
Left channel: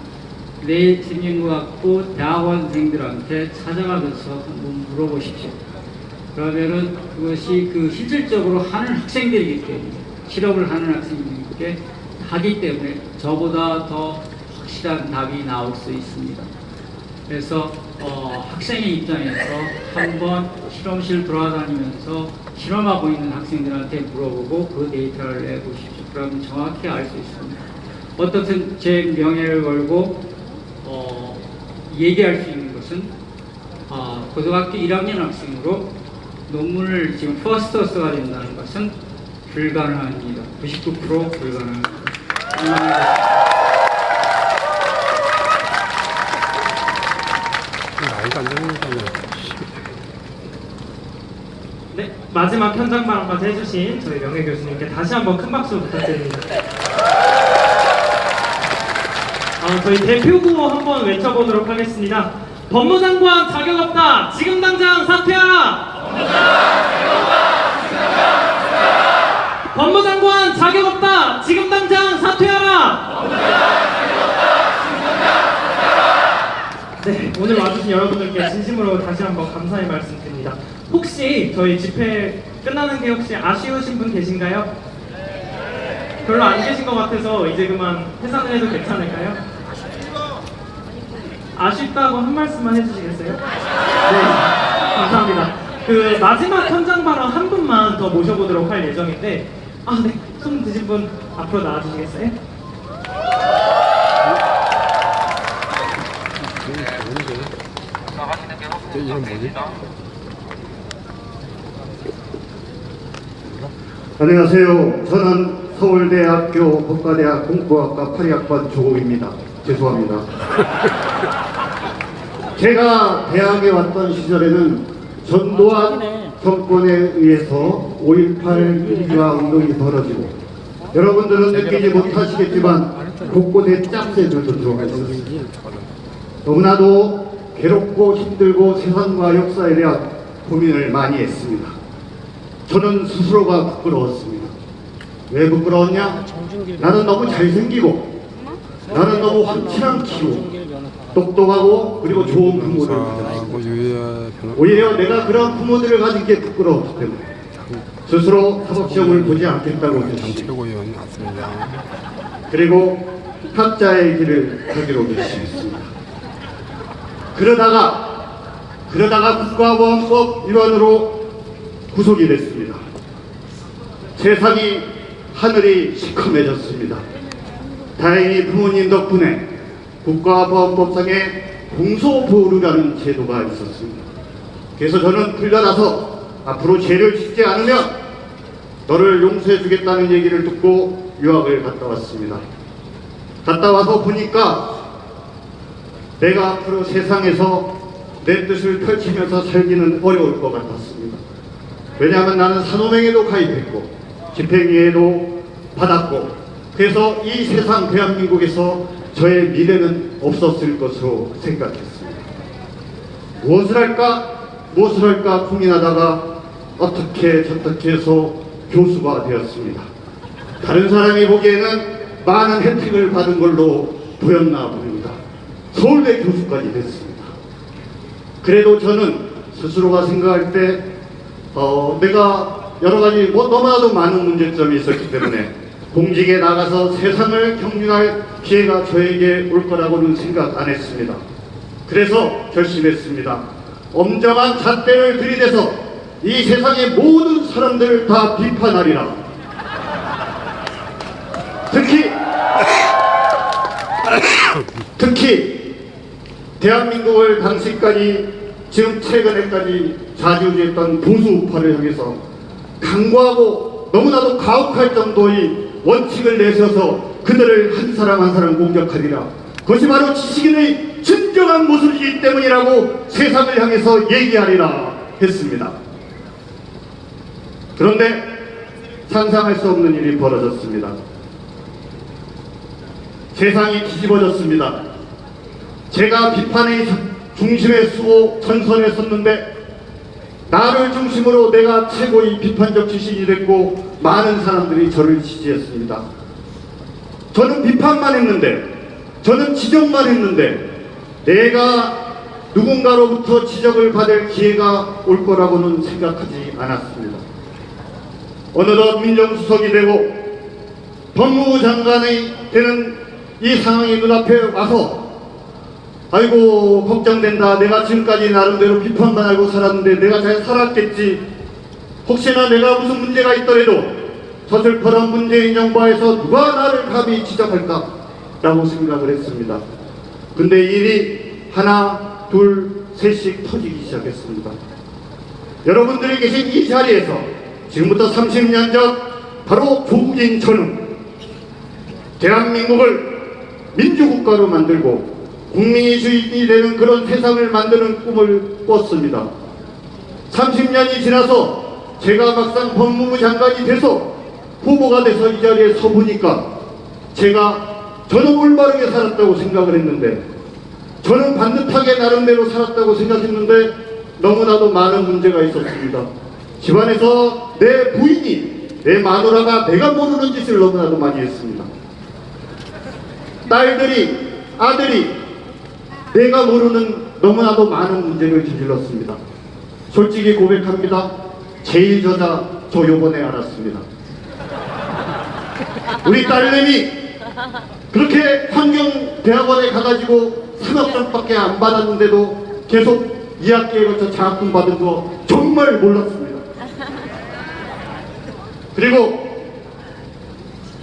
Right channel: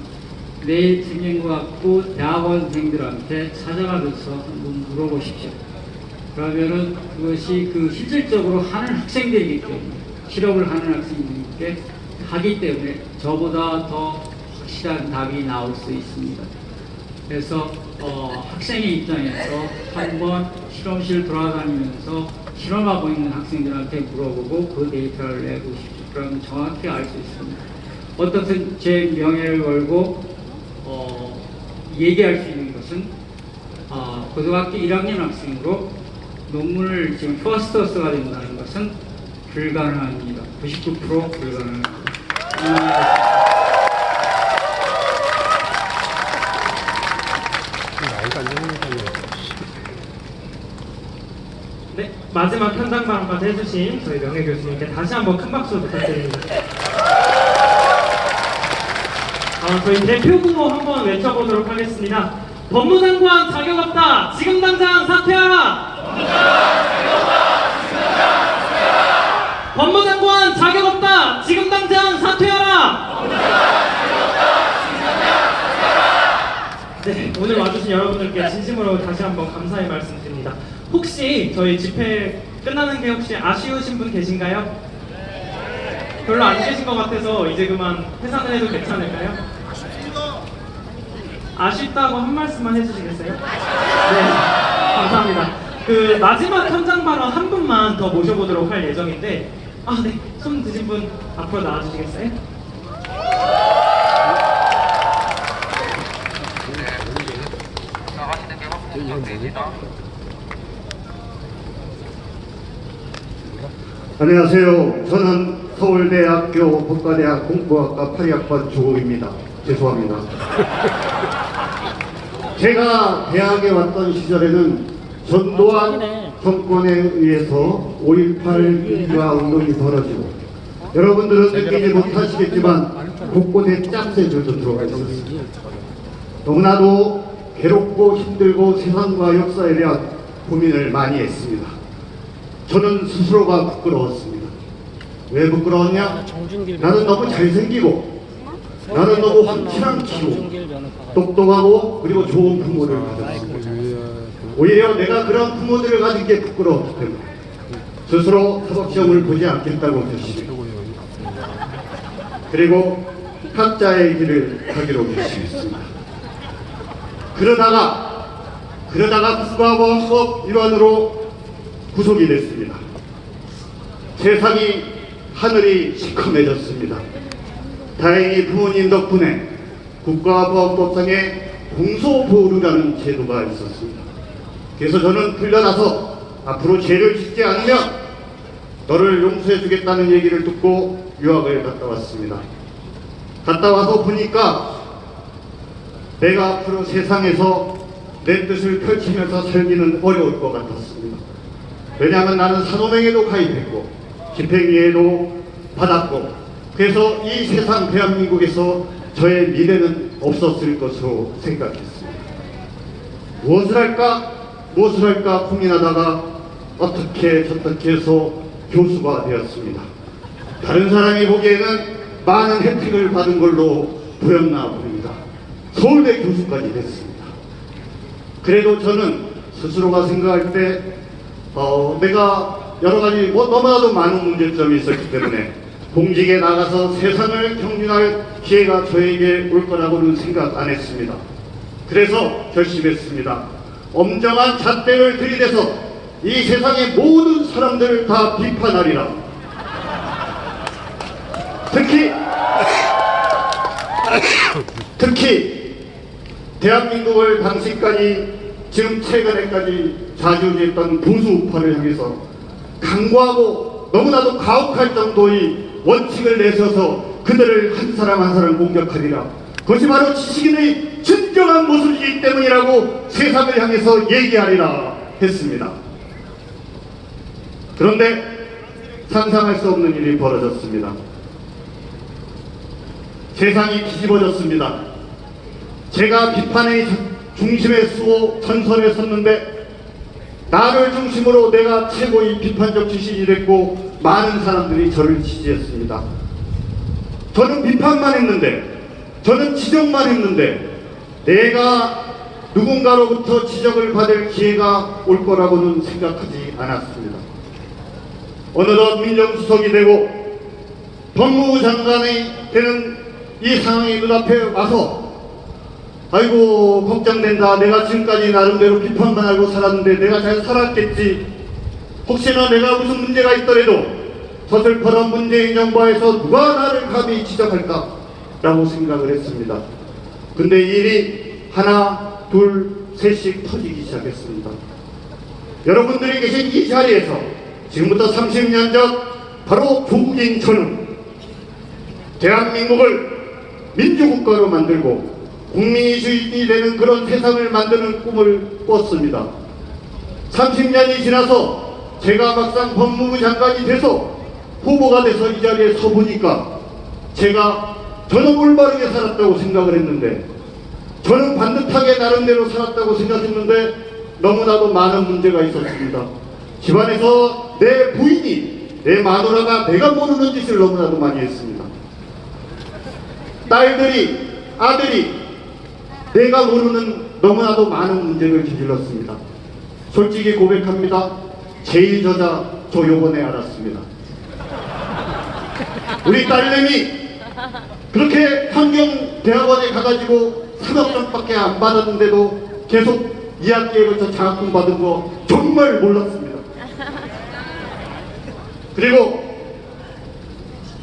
내 진행과학부 대학원생들한테 찾아가면서 한번 물어보십시오. 그러면은 그것이 그 실질적으로 하는 학생들이기 때문에 실험을 하는 학생들에게 하기 때문에 저보다 더 확실한 답이 나올 수 있습니다. 그래서 학생의 입장에서 한번 실험실 돌아다니면서 실험하고 있는 학생들한테 물어보고 그 데이터를 내보십시오. 그러면 정확히 알 수 있습니다. 어떻든 제 명예를 걸고 얘기할 수 있는 것은 고등학교 1학년 학생으로 논문을 지금 퍼스터스가 된다는 것은 불가능합니다. 99% 불가능합니다. 네, 마지막 현장 발언까지 해주신 저희 명예교수님께 다시 한번 큰 박수 부탁드립니다. 저희 대표 구호 한번 외쳐보도록 하겠습니다. 법무장관 자격 없다. 지금 당장 사퇴하라. 법무장관 자격 없다. 지금 당장 사퇴하라. 네, 오늘 와주신 여러분들께 진심으로 다시 한번 감사의 말씀 드립니다. 혹시 저희 집회 끝나는 게 혹시 아쉬우신 분 계신가요? 별로 안 계신 것 같아서 이제 그만 해산을 해도 괜찮을까요? 아쉽다고 한 말씀만 해주시겠어요? 네, 감사합니다. 그 마지막 현장 발언 한 분만 더 모셔보도록 할 예정인데, 아, 네, 손 드신 분 앞으로 나와주시겠어요? 안녕하세요. 저는 서울대학교 법과대학 공부학과 8학번 조국입니다. 죄송합니다. 제가 대학에 왔던 시절에는 전두환 정권에 의해서 5.18 위기가 은근히 벌어지고 여러분들은 느끼지 못하시겠지만 곳곳에 짝새들도 들어가 있었습니다. 너무나도 괴롭고 힘들고 세상과 역사에 대한 고민을 많이 했습니다. 저는 스스로가 부끄러웠습니다. 왜 부끄러웠냐? 나는 너무 잘생기고 나는 너무 확실한 키고 똑똑하고 그리고 좋은 부모를 가졌습니다. 오히려 내가 그런 부모들을 가진 게 부끄러웠기 때문에 스스로 사법시험을 보지 않겠다고 했습니다. 그리고 학자의 길을 가기로 결심했습니다. 그러다가 국가보안법 위반으로 구속이 됐습니다. 세상이 하늘이 시커매졌습니다. 다행히 부모님 덕분에 국가보안법상에 공소보루라는 제도가 있었습니다. 그래서 저는 풀려나서 앞으로 죄를 짓지 않으면 너를 용서해 주겠다는 얘기를 듣고 유학을 갔다 왔습니다. 갔다 와서 보니까 내가 앞으로 세상에서 내 뜻을 펼치면서 살기는 어려울 것 같았습니다. 왜냐하면 나는 산호맹에도 가입했고 집행유예도 받았고 그래서 이 세상 대한민국에서 저의 미래는 없었을 것으로 생각했습니다. 무엇을 할까 고민하다가 어떻게 저떻게 해서 교수가 되었습니다. 다른 사람이 보기에는 많은 혜택을 받은 걸로 보였나 봅니다. 서울대 교수까지 됐습니다. 그래도 저는 스스로가 생각할 때 내가 여러 가지 너무나도 많은 문제점이 있었기 때문에 공직에 나가서 세상을 경륜할 기회가 저에게 올 거라고는 생각 안 했습니다. 그래서 결심했습니다. 엄정한 잣대를 들이대서 이 세상의 모든 사람들을 다 비판하리라. 특히 대한민국을 당시까지 지금 최근에까지 좌지우지했던 보수우파를 향해서 강고하고 너무나도 가혹할 정도의 원칙을 내세워서 그들을 한 사람 한 사람 공격하리라. 그것이 바로 지식인의 진정한 모습이기 때문이라고 세상을 향해서 얘기하리라 했습니다. 그런데 상상할 수 없는 일이 벌어졌습니다. 세상이 뒤집어졌습니다. 제가 비판의 중심에 수호 전선에 섰는데 나를 중심으로 내가 최고의 비판적 지식이 됐고 많은 사람들이 저를 지지했습니다. 저는 비판만 했는데 저는 지적만 했는데 내가 누군가로부터 지적을 받을 기회가 올 거라고는 생각하지 않았습니다. 어느덧 민정수석이 되고 법무부 장관이 되는 이 상황이 눈앞에 와서 아이고 걱정된다. 내가 지금까지 나름대로 비판만 하고 살았는데 내가 잘 살았겠지. 혹시나 내가 무슨 문제가 있더라도 저 슬퍼런 문재인 정부에서 누가 나를 감히 지적할까 라고 생각을 했습니다. 근데 일이 하나 둘 셋씩 터지기 시작했습니다. 여러분들이 계신 이 자리에서 지금부터 30년 전 바로 조국인 저는 대한민국을 민주국가로 만들고 국민이 주인이 되는 그런 세상을 만드는 꿈을 꿨습니다. 30년이 지나서 제가 막상 법무부 장관이 돼서 후보가 돼서 이 자리에 서 보니까 저는 올바르게 살았다고 생각을 했는데 저는 반듯하게 나름대로 살았다고 생각했는데 너무나도 많은 문제가 있었습니다. 집안에서 내 부인이 내 마누라가 내가 모르는 짓을 너무나도 많이 했습니다. 딸들이 아들이 내가 모르는 너무나도 많은 문제를 저질렀습니다. 솔직히 고백합니다. 제일 저자 저 요번에 알았습니다. 우리 딸내미 그렇게 환경대학원에 가가지고 3학점밖에 안 받았는데도 계속 2학기에 걸쳐 장학금 받은 거 정말 몰랐습니다. 그리고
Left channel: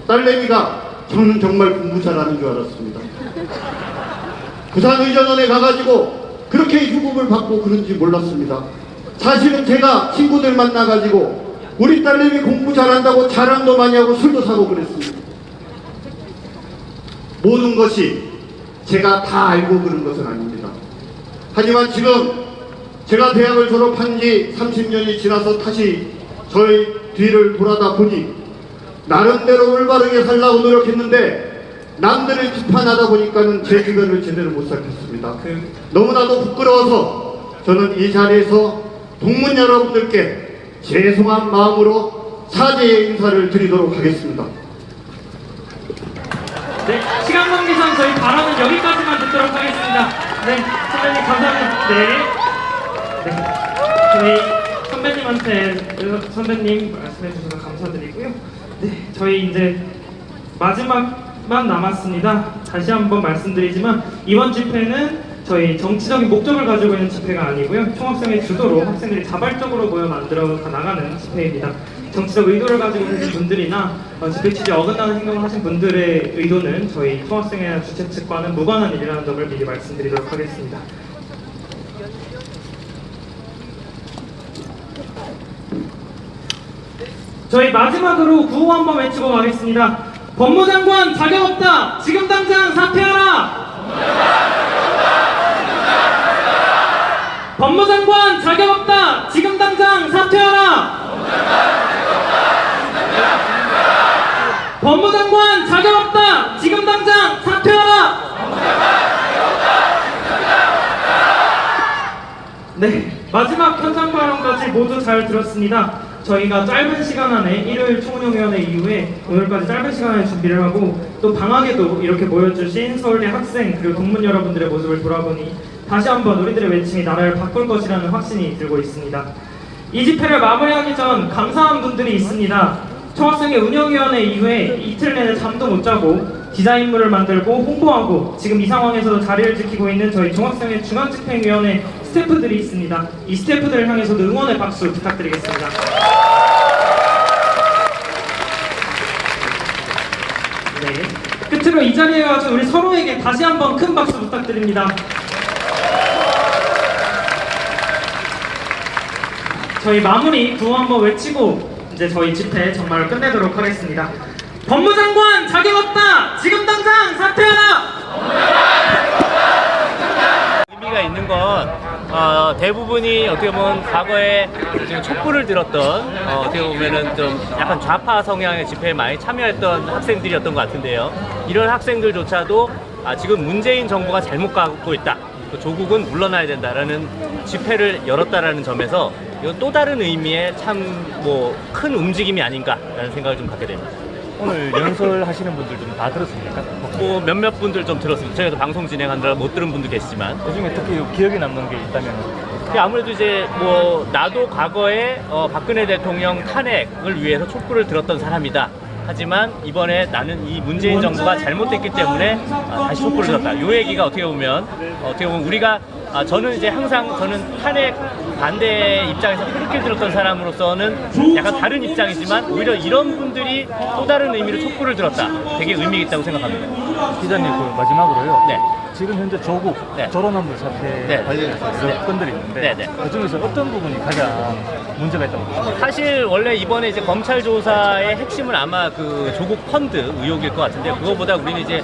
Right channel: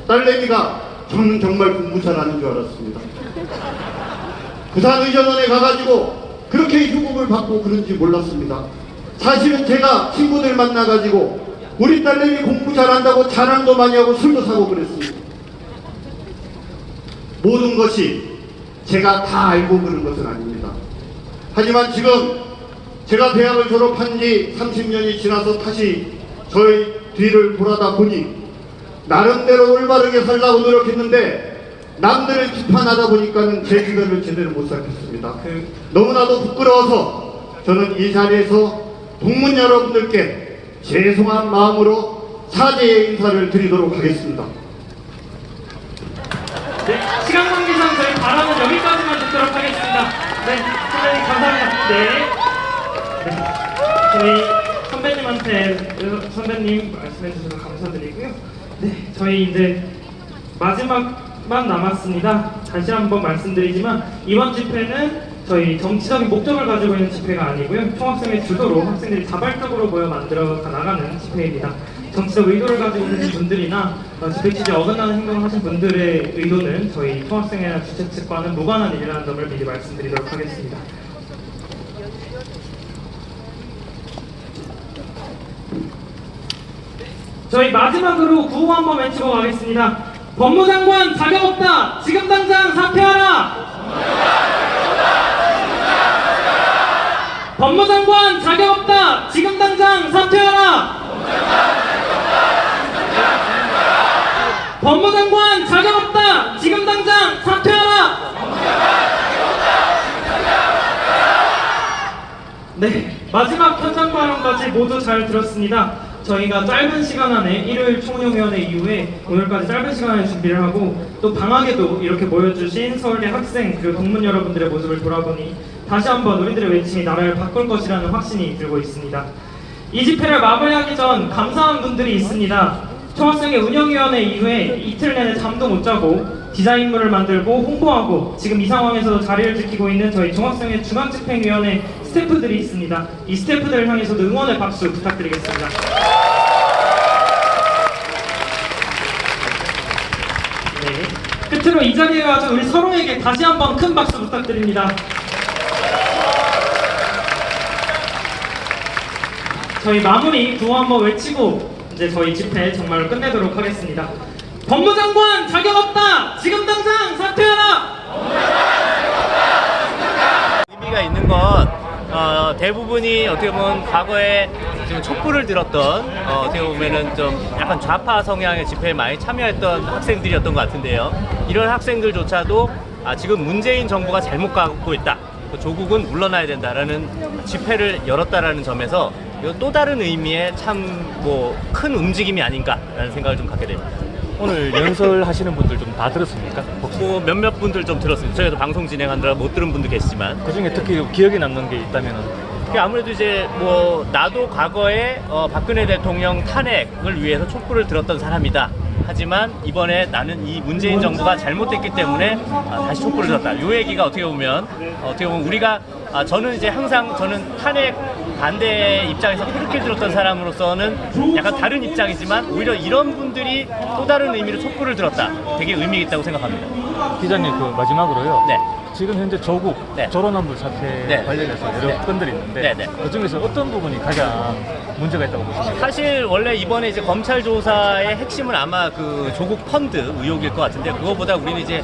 딸내미가 저는 정말 공부 잘하는 줄 알았습니다. 부산의전원에 가가지고 그렇게 휴급을 받고 그런지 몰랐습니다. 사실은 제가 친구들 만나가지고 우리 딸내미 공부 잘한다고 자랑도 많이 하고 술도 사고 그랬습니다. 모든 것이 제가 다 알고 그런 것은 아닙니다. 하지만 지금 제가 대학을 졸업한 지 30년이 지나서 다시 저의 뒤를 돌아다 보니 나름대로 올바르게 살라고 노력했는데 남들을 비판하다 보니까는 제 주변을 제대로 못 살폈습니다. 너무나도 부끄러워서 저는 이 자리에서 동문 여러분들께 죄송한 마음으로 사죄의 인사를 드리도록 하겠습니다. 네, 시간 관계상 저희 발언은 여기까지만 듣도록 하겠습니다. 네, 선배님 감사합니다. 네, 저희 선배님 말씀해 주셔서 감사드리고요. 네, 저희 이제 마지막만 남았습니다. 다시 한번 말씀드리지만 이번 집회는 저희 정치적인 목적을 가지고 있는 집회가 아니고요. 총학생의 주도로 학생들이 자발적으로 모여 만들어 나가는 집회입니다. 정치적 의도를 가지고 있는 분들이나 집회 취지에 어긋나는 행동을 하신 분들의 의도는 저희 총학생회나 주최 측과는 무관한 일이라는 점을 미리 말씀드리도록 하겠습니다. 저희 마지막으로 구호 한번 외치고 가겠습니다. 법무장관 자격 없다! 지금 당장 사퇴하라! 법무장관 자격 없다! 지금 당장 사퇴하라! 법무장관 자격 없다! 지금 당장 사퇴하라! 네, 마지막 현장 발언까지 모두 잘 들었습니다. 저희가 짧은 시간 안에 일요일 총영위원회 이후에 오늘까지 짧은 시간을 준비를 하고 또 방학에도 이렇게 모여주신 서울대 학생 그리고 동문 여러분들의 모습을 돌아보니 다시 한번 우리들의 외침이 나라를 바꿀 것이라는 확신이 들고 있습니다. 이 집회를 마무리하기 전 감사한 분들이 있습니다. 총학생회 운영위원회 이후에 이틀 내내 잠도 못 자고 디자인물을 만들고 홍보하고 지금 이 상황에서 자리를 지키고 있는 저희 총학생회 중앙집행위원회 스태프들이 있습니다. 이 스태프들을 향해서도 응원의 박수 부탁드리겠습니다. 네. 끝으로 이 자리에 와서 우리 서로에게 다시 한번 큰 박수 부탁드립니다. 저희 마무리 구호 한번 외치고 이제 저희 집회 정말 끝내도록 하겠습니다. 법무장관 자격 없다! 지금 당장 사퇴하라! 의미가 있는 건 대부분이 어떻게 보면 과거에 지금 촛불을 들었던 어떻게 보면은 좀 약간 좌파 성향의 집회에 많이 참여했던 학생들이었던 것 같은데요. 이런 학생들조차도 지금 문재인 정부가 잘못 가고 있다. 조국은 물러나야 된다라는 집회를 열었다라는 점에서 이건 또 다른 의미의 참 큰 움직임이 아닌가라는 생각을 좀 갖게 됩니다. 오늘 연설하시는 분들 좀 다 들었습니까? 몇몇 분들 좀 들었습니다. 저희도 방송 진행하느라 못 들은 분도 계시지만 그 중에 특히 기억에 남는 게 있다면 아무래도 이제 나도 과거에 박근혜 대통령 탄핵을 위해서 촛불을 들었던 사람이다. 하지만 이번에 나는 이 문재인 정부가 잘못됐기 때문에 다시 촛불을 들었다. 요 얘기가 어떻게 보면 우리가 저는 이제 항상 저는 탄핵 반대 입장에서 그렇게 들었던 사람으로서는 약간 다른 입장이지만 오히려 이런 분들이 또 다른 의미로 촛불을 들었다. 되게 의미 있다고 생각합니다. 기자님 그 마지막으로요. 네. 지금 현재 조국 졸업논문 사태 네. 관련해서 여러 건들이 있는데 네. 그 중에서 어떤 부분이 가장 문제가 있다고 보십니까? 사실 원래 이번에 이제 검찰 조사의 핵심은 아마 그 조국 펀드 의혹일 것 같은데 그거보다 우리는 이제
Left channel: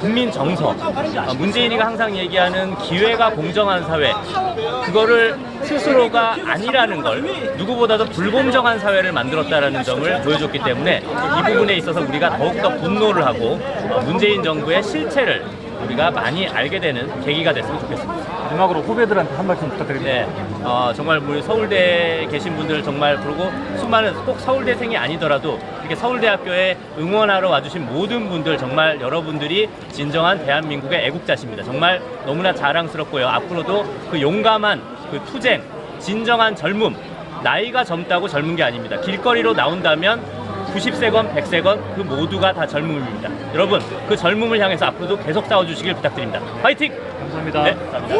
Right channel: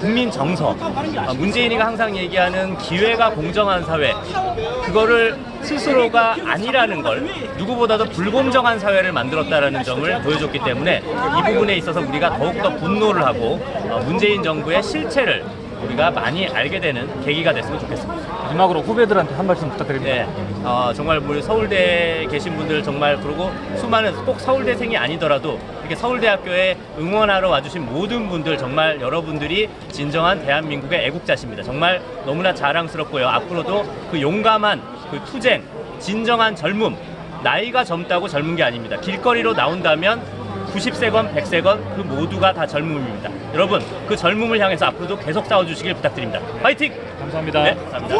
국민 정서, 문재인이가 항상 얘기하는 기회가 공정한 사회, 그거를 스스로가 아니라는 걸 누구보다도 불공정한 사회를 만들었다라는 점을 보여줬기 때문에 이 부분에 있어서 우리가 더욱더 분노를 하고 문재인 정부의 실체를 우리가 많이 알게 되는 계기가 됐으면 좋겠습니다. 마지막으로 후배들한테 한 말씀 부탁드립니다. 네, 정말 우리 서울대에 계신 분들 정말 그리고 수많은 꼭 서울대생이 아니더라도 이렇게 서울대학교에 응원하러 와주신 모든 분들 정말 여러분들이 진정한 대한민국의 애국자십니다. 정말 너무나 자랑스럽고요. 앞으로도 그 용감한 그 투쟁, 진정한 젊음, 나이가 젊다고 젊은 게 아닙니다. 길거리로 나온다면 90세건 100세건 그 모두가 다 젊음입니다. 여러분 그 젊음을 향해서 앞으로도 계속 싸워주시길 부탁드립니다. 파이팅! 감사합니다. 네, 감사합니다.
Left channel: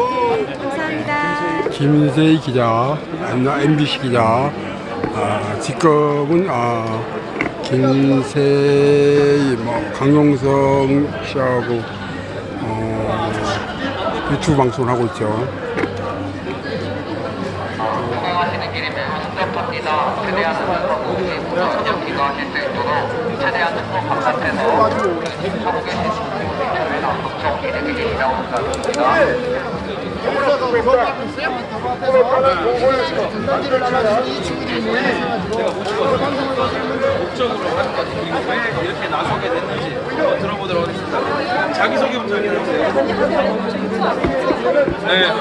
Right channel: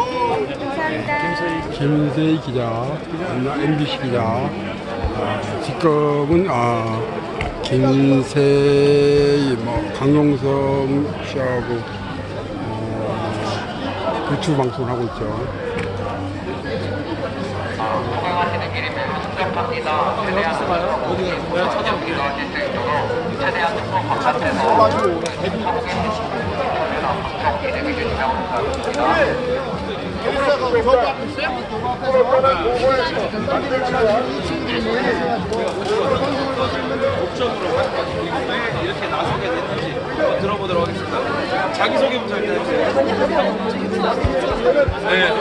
김세희 기자, MBC 기자. 지금은 김세희, 강용성 씨하고 유튜브 방송을 하고 있죠. 이렇게 나서게 됐는지 한번 들어보도록 하겠습니다. 자기소개 먼저 해주세요. 네,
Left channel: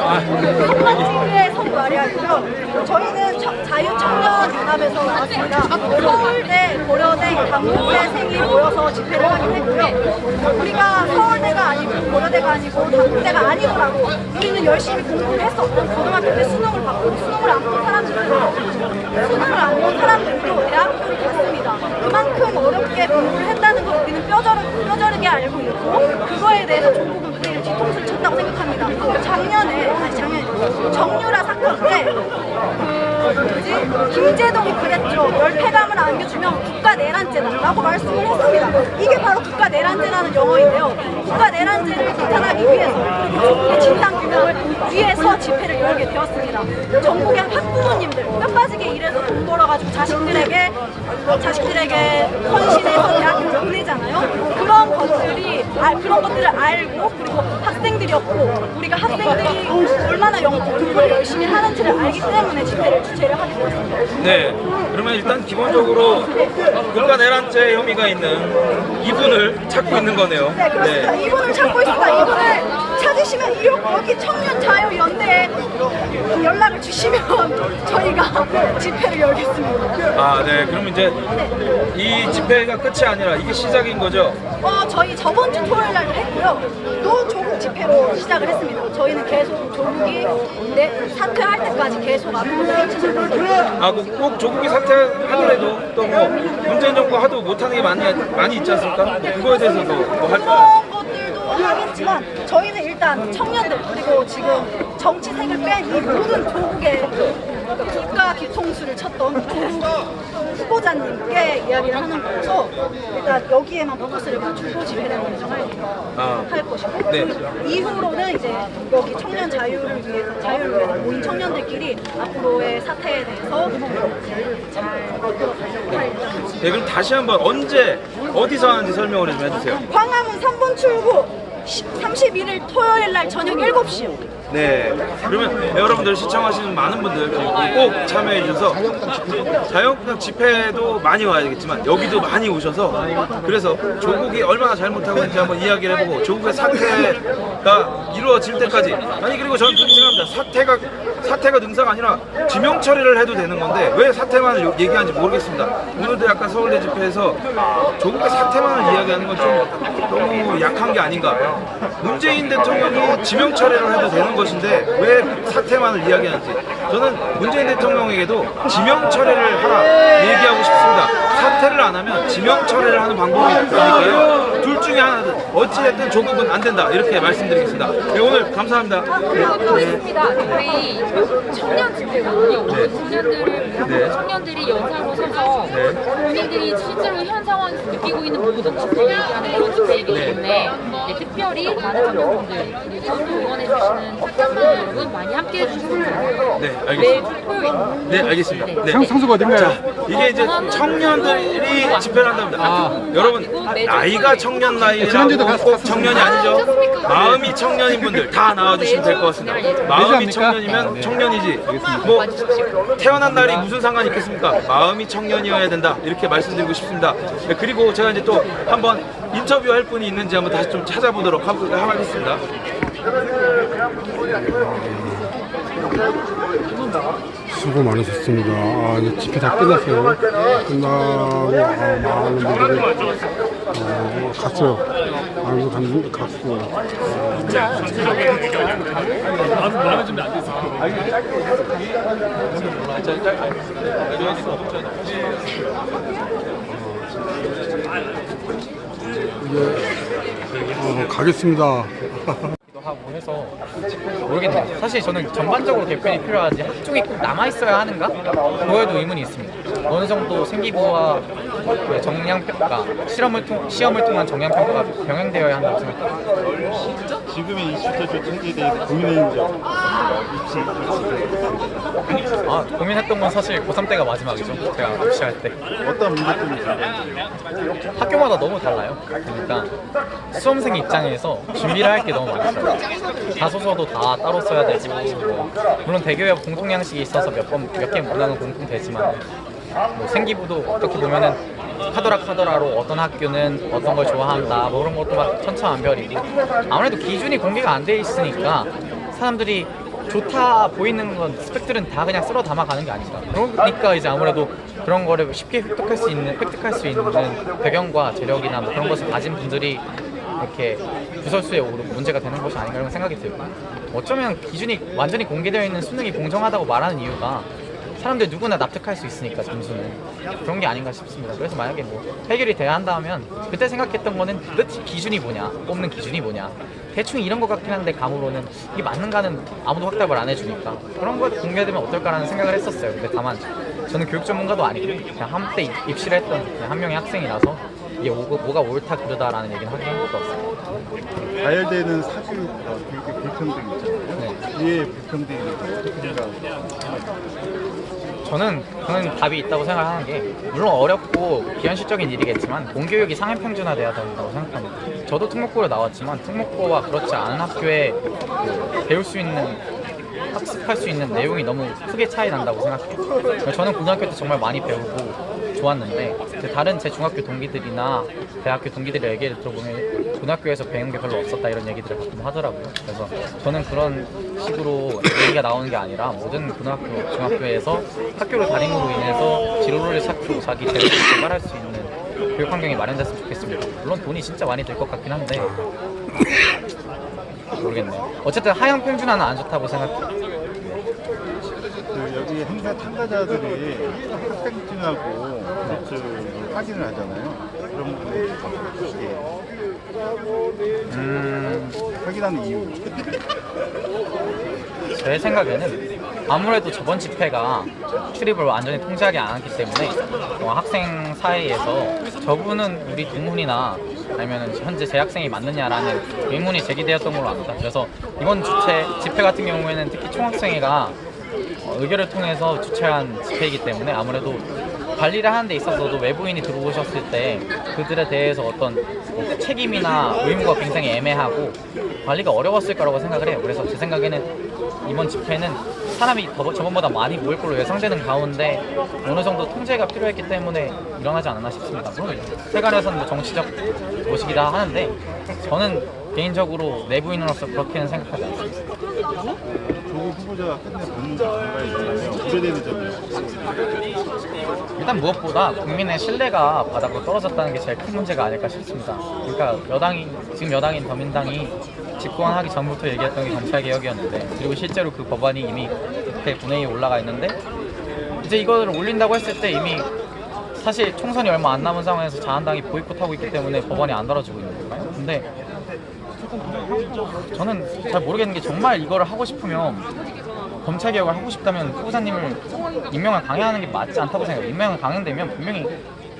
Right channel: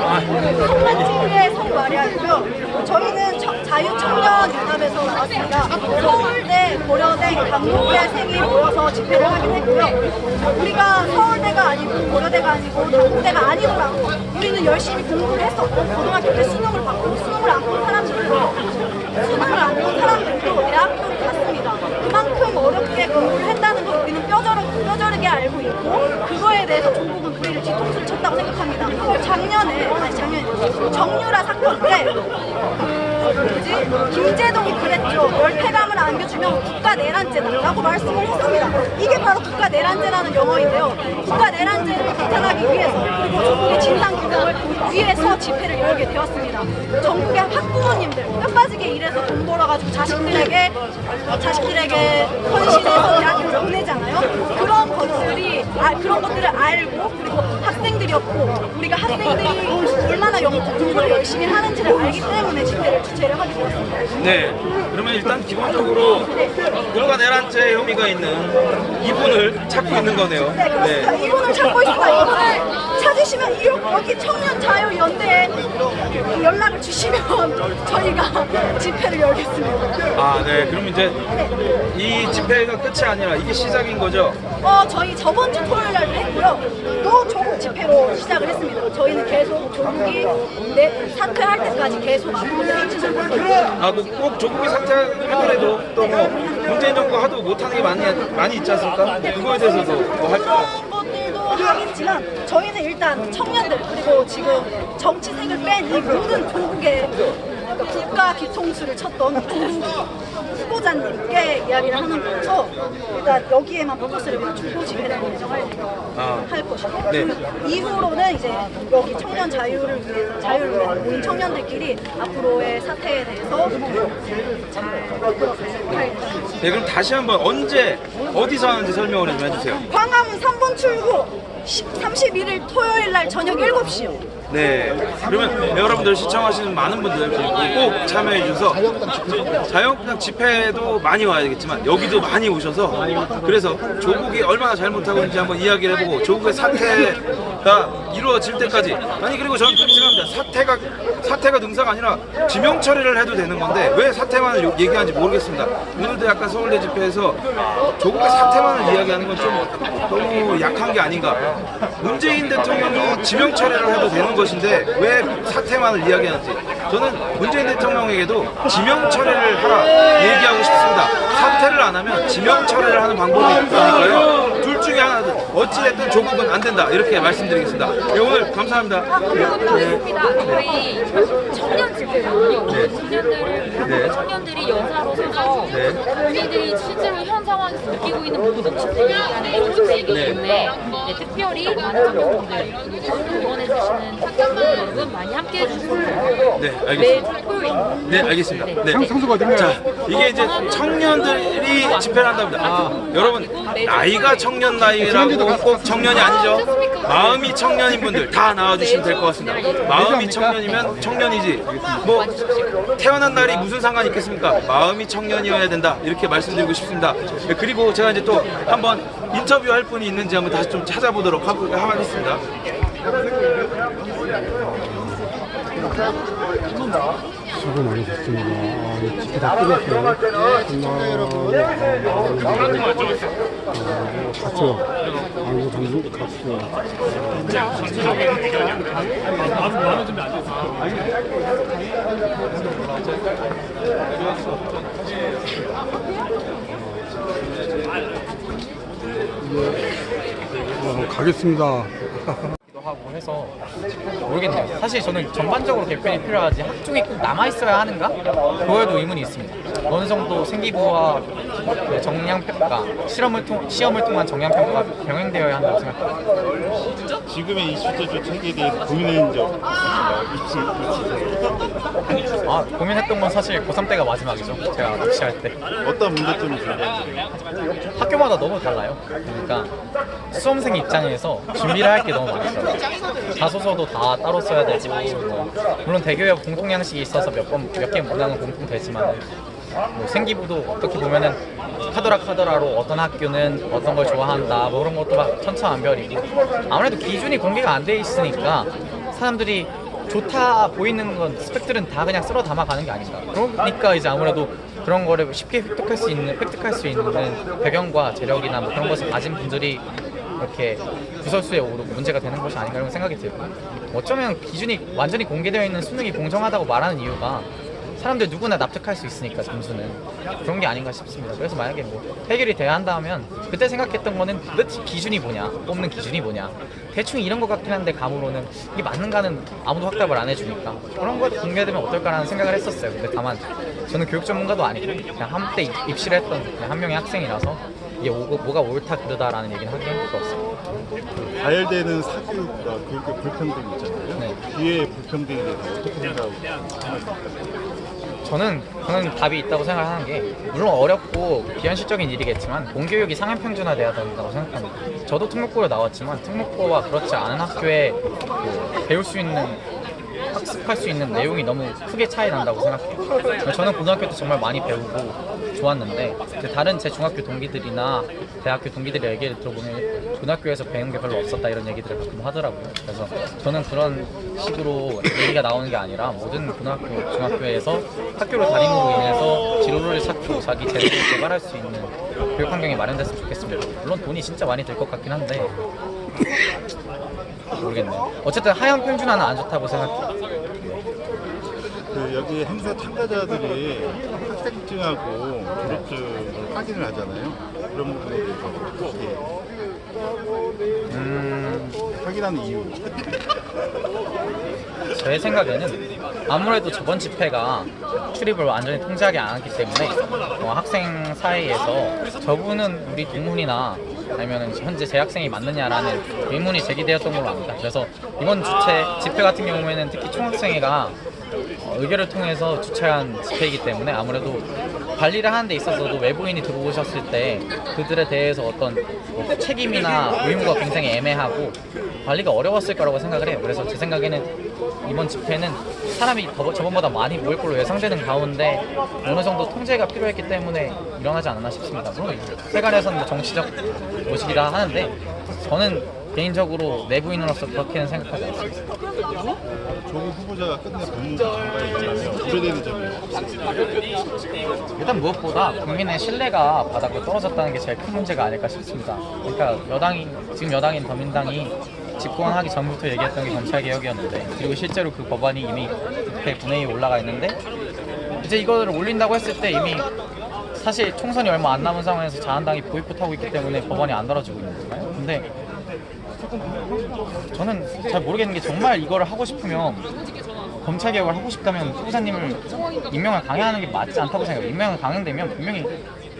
성만TV의 성마리아이고요. 저희는 자유청년연합에서 나왔습니다. 서울대, 고려대, 당국대생이 모여서 집회를 하기로 했고요. 우리가 서울대가 아니고 고려대가 아니고 당국대가 아니더라도 우리는 열심히 공부를 했었고 고등학교 때 수능을 받고 수능을 안 본 사람들도 대학교를 갔습니다. 그만큼 어렵게 공부를 했다는 걸 우리는 뼈저리게 알고 있고 그거에 대해서 조국은 우리를 뒤통수를 쳤다고 생각합니다. 작년에 정유라 사건 때 김재동이 그랬죠. 열패감을 안겨주면 국가내란죄다라고 말씀을 했습니다. 이게 바로 국가내란죄라는 용어인데요. 국가내란죄를 규탄하기 위해서 그리고 조국의 진상규명을 위해서 집회를 열게 되었습니다. 전국의 학부모님들 뼈 빠지게 일해서 돈 벌어가지고 자식들에게 헌신해서 대학교를 보내잖아요. 그런 것들을 알고 그리고 학생들이었고 우리가 학생들이 얼마나 공부를 열심히 하는지를 알기 때문에 집회를 주최를 하게 되었습니다. 네, 그러면 일단 기본적으로 국가내란죄 혐의가 있는 이분을 찾고 있는 거네요. 네, 그렇습니다. 이분을 찾고 있습니다. 이분을 찾으시면 여기 청년자유연대에 연락을 주시면 저희가 집회를 열겠습니다. 네, 그러면 이제 이 집회가 끝이 아니라 이게 시작인 거죠? 저희 저번 주 토요일 날도 했고요. 또 조국 집회로 시작을 했습니다. 저희는 계속 조국이 사퇴할 때까지 계속 앞으로 해주는 꼭 조국이 사퇴하더라도 또 뭐 문재인 정부가 하도 못하는 게 많이 있지 않습니까? 그거에 대해서도 뭐 할까요? 그런 것들도 하겠지만 저희는 일단 청년들 그리고 지금 정치색을 뺀 이 모든 조국의 국가 뒤통수를 쳤던 조국 후보자님께 이야기를 하는 거라서 일단 여기에만 포커스를 맞추고 집회를 예정할 것이고 네. 그 이후로는 이제 여기 청년 자유를 위해서 모인 청년들끼리 앞으로의 사태에 대해서 잘 이끌어가려고 할 예정입니다. 네, 그럼 다시 한번 언제 어디서 하는지 설명을 좀 해주세요. 광화문 3분 출구 31일 토요일 날 저녁 7시요. 네, 그러면 여러분들 시청하시는 많은 분들 꼭 참여해 주셔서 자유한국당 집회도 많이 와야겠지만 여기도 많이 오셔서 그래서 조국이 얼마나 잘못하고 있는지 한번 이야기를 해보고 조국의 사퇴가 이루어질 때까지 그리고 저는 그렇게 생각합니다. 사퇴가 능사가 아니라 지명 처리를 해도 되는 건데 왜 사퇴만을 얘기하는지 모르겠습니다. 오늘도 약간 서울대 집회에서 조국의 사퇴만을 이야기하는 건 좀 너무 약한 게 아닌가. 문재인 대통령이 지명 처리를 해도 되는 것인데 왜 사퇴만을 이야기하는지 저는 문재인 대통령에게도 지명 처리를 하라 얘기하고 싶습니다. 사퇴를 안 하면 지명 처리를 하는 방법이 있으니까요. 둘 중에 하나든 어찌됐든 조국은 안 된다 이렇게 말씀드리겠습니다. 네, 오늘 감사합니다. 감사합니다. 우리 청년 집회거든요. 오늘 청년들을 위한 청년들이 연사로 서서 본인들이 실제로 현 상황에서 느끼고 있는 모든 것을 얘기하는 그런 집회이기 때문에 특별히 많은 청년분들 그리고 또 응원해주시는 청년 여러분 많이 함께해 주시면 좋겠습니다. 매주 토요일. 네, 알겠습니다. 네. 자, 이게 이제 청년들이 집회를 한답니다. 여러분 나이가 청년 나이 자유라고 꼭 청년이 아니죠. 마음이 청년인 분들 다 나와주시면 될 것 같습니다. 마음이 청년이면 청년이지 뭐 태어난 날이 무슨 상관이 있겠습니까? 마음이 청년이어야 된다 이렇게 말씀드리고 싶습니다. 네, 그리고 제가 이제 또 한번 인터뷰할 분이 있는지 한번 다시 좀 찾아보도록 하겠습니다. 수고 많으셨습니다. 이제 집회 다 끝났어요. 끝나고 갔어요. 갔어요. 전체적인 의견이 안 된다는 마음의 준비 안 됐어요. 가겠습니다. 하고 해서 모르겠네요. 사실 저는 전반적으로 개편이 필요하지 학종이 꼭 남아있어야 하는가? 그거에도 의문이 있습니다. 어느 정도 생기부와 그 정량평가, 시험을 통한 정량평가가 병행되어야 한다고 생각합니다. 지금의 20대 정책에 대해서 고민한 적 있으신가요? 고민했던 건 사실 고3 때가 마지막이죠. 제가 입시할 때. 어떤 문제점이 있어요? 학교마다 너무 달라요. 그러니까 수험생 입장에서 준비를 할 게 너무 많더라고요. 자소서도 다 따로 써야 되고, 물론 대교에 공통 양식이 있어서 몇 개 문항은 공통되지만, 생기부도 어떻게 보면은 카더라로 어떤 학교는 어떤 걸 좋아한다, 그런 것도 막 천차만별이고, 아무래도 기준이 공개가 안 돼 있으니까 사람들이 좋다 보이는 건 스펙들은 다 그냥 쓸어 담아가는 게 아닌가. 그러니까 이제 아무래도 그런 거를 쉽게 획득할 수 있는 배경과 재력이나 그런 것을 가진 분들이 이렇게 부설수에 오르고 문제가 되는 것이 아닌가 이런 생각이 들고, 어쩌면 기준이 완전히 공개되어 있는 수능이 공정하다고 말하는 이유가 사람들 누구나 납득할 수 있으니까 점수는 그런 게 아닌가 싶습니다. 그래서 만약에 해결이 돼야 한다면 그때 생각했던 거는 도대체 기준이 뭐냐, 뽑는 기준이 뭐냐, 대충 이런 것 같긴 한데 감으로는 이게 맞는가는 아무도 확답을 안 해주니까 그런 거 공개되면 어떨까라는 생각을 했었어요. 근데 다만 저는 교육 전문가도 아니고 그냥 한때 입시를 했던 그냥 한 명의 학생이라서 이게 뭐가 옳다 그르다라는 얘기는 하기 힘들 것 같습니다. 가열되는 사실 교육의 불평등 있잖아요. 네. 이에 불평등에 대해서 어떻게 생각하세요? 저는 답이 있다고 생각하는 게, 물론 어렵고 비현실적인 일이겠지만 공교육이 상향평준화돼야 된다고 생각합니다. 저도 특목고를 나왔지만 특목고와 그렇지 않은 학교에 배울 수 있는, 학습할 수 있는 내용이 너무 크게 차이 난다고 생각해요. 저는 고등학교 때 정말 많이 배우고 좋았는데 다른 제 중학교 동기들이나 대학교 동기들의 얘기를 들어보면 고등학교에서 배운 게 별로 없었다 이런 얘기들을 가끔 하더라고요. 그래서 저는 그런 식으로 얘기가 나오는 게 아니라 모든 고등학교, 중학교에서 학교를 다님으로 인해서 진로를 쌓고 자기 재능을 개발할 수 있는 교육 환경이 마련됐으면 좋겠습니다. 물론 돈이 진짜 많이 들 것 같긴 한데 모르겠네요. 어쨌든 하향 평준화는 안 좋다고 생각해요. 여기 행사 참가자들이 학생증하고 졸업증을 확인을 하잖아요. 그런 부분에 대해서 확인하는 이유. 제 생각에는 아무래도 저번 집회가 출입을 완전히 통제하지 않았기 때문에 학생 사이에서 저분은 우리 동문이나 아니면 현재 재학생이 맞느냐라는 의문이 제기되었던 걸로 압니다. 그래서 이번 집회 같은 경우에는 특히 총학생회가 의결을 통해서 주최한 집회이기 때문에 아무래도 관리를 하는 데 있어서도 외부인이 들어오셨을 때 그들에 대해서 어떤 책임이나 의무가 굉장히 애매하고 관리가 어려웠을 거라고 생각을 해요. 그래서 제 생각에는 이번 집회는 사람이 저번보다 많이 모일 걸로 예상되는 가운데 어느 정도 통제가 필요했기 때문에 일어나지 않았나 싶습니다. 물론 세간에서는 정치적 모시기다 하는데 저는 개인적으로 내부인으로서 그렇게는 생각하지 않습니다. 조국 후보자가 끝내 법무부 장관에 있어서 우려되는 점이 일단 무엇보다 국민의 신뢰가 바닥으로 떨어졌다는 게 제일 큰 문제가 아닐까 싶습니다. 그러니까 지금 여당인 더민당이 집권하기 전부터 얘기했던 게 검찰개혁이었는데, 그리고 실제로 그 법안이 이미 국회 본회의에 올라가 있는데 이제 이거를 올린다고 했을 때 이미 사실 총선이 얼마 안 남은 상황에서 자한당이 보이콧하고 있기 때문에 법안이 안 다뤄지고 있는 거잖아요. 근데 저는 잘 모르겠는 게, 정말 이거를 하고 싶으면 검찰개혁을 하고 싶다면 후보자님을 임명을 강행하는 게 맞지 않다고 생각해요. 임명을 강행되면 분명히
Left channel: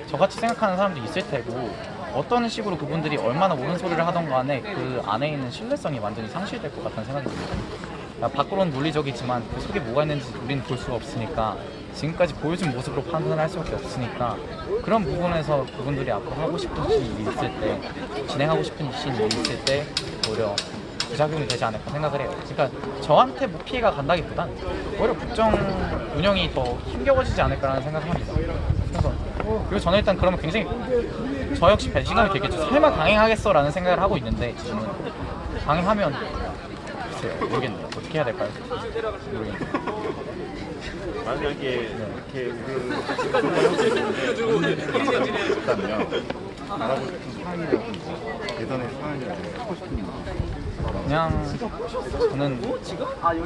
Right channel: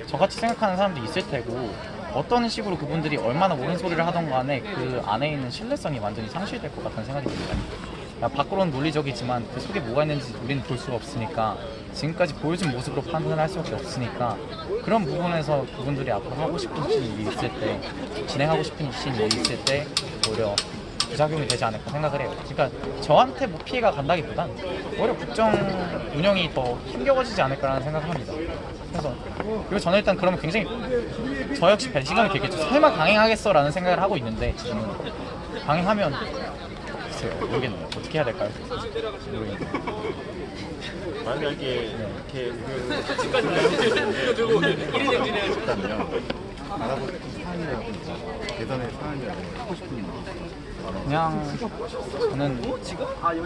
저같이 생각하는 사람도 있을 테고, 어떤 식으로 그분들이 얼마나 옳은 소리를 하던 간에 그 안에 있는 신뢰성이 완전히 상실될 것 같다는 생각이 듭니다. 밖으로는 논리적이지만 그 속에 뭐가 있는지 우리는 볼 수가 없으니까 지금까지 보여준 모습으로 판단을 할 수밖에 없으니까 그런 부분에서 그분들이 앞으로 하고 싶은 일이 있을 때, 진행하고 싶은 일이 있을 때 오히려 부작용이 되지 않을까 생각을 해요. 그러니까 저한테 뭐 피해가 간다기보단 오히려 국정 운영이 더 힘겨워지지 않을까라는 생각을 합니다. 그래서 그리고 저는 일단 그러면 굉장히 저 역시 배신감이 되겠죠. 설마 강행하겠어 라는 생각을 하고 있는데 지금은 강행하면 글쎄요, 모르겠네요. 어떻게 해야 될까요? 모르겠네요. 만약에 이렇게 있다면 알아보고 싶은 사안이라든지 개선의 사안이라든지 하고 싶은 그냥 저는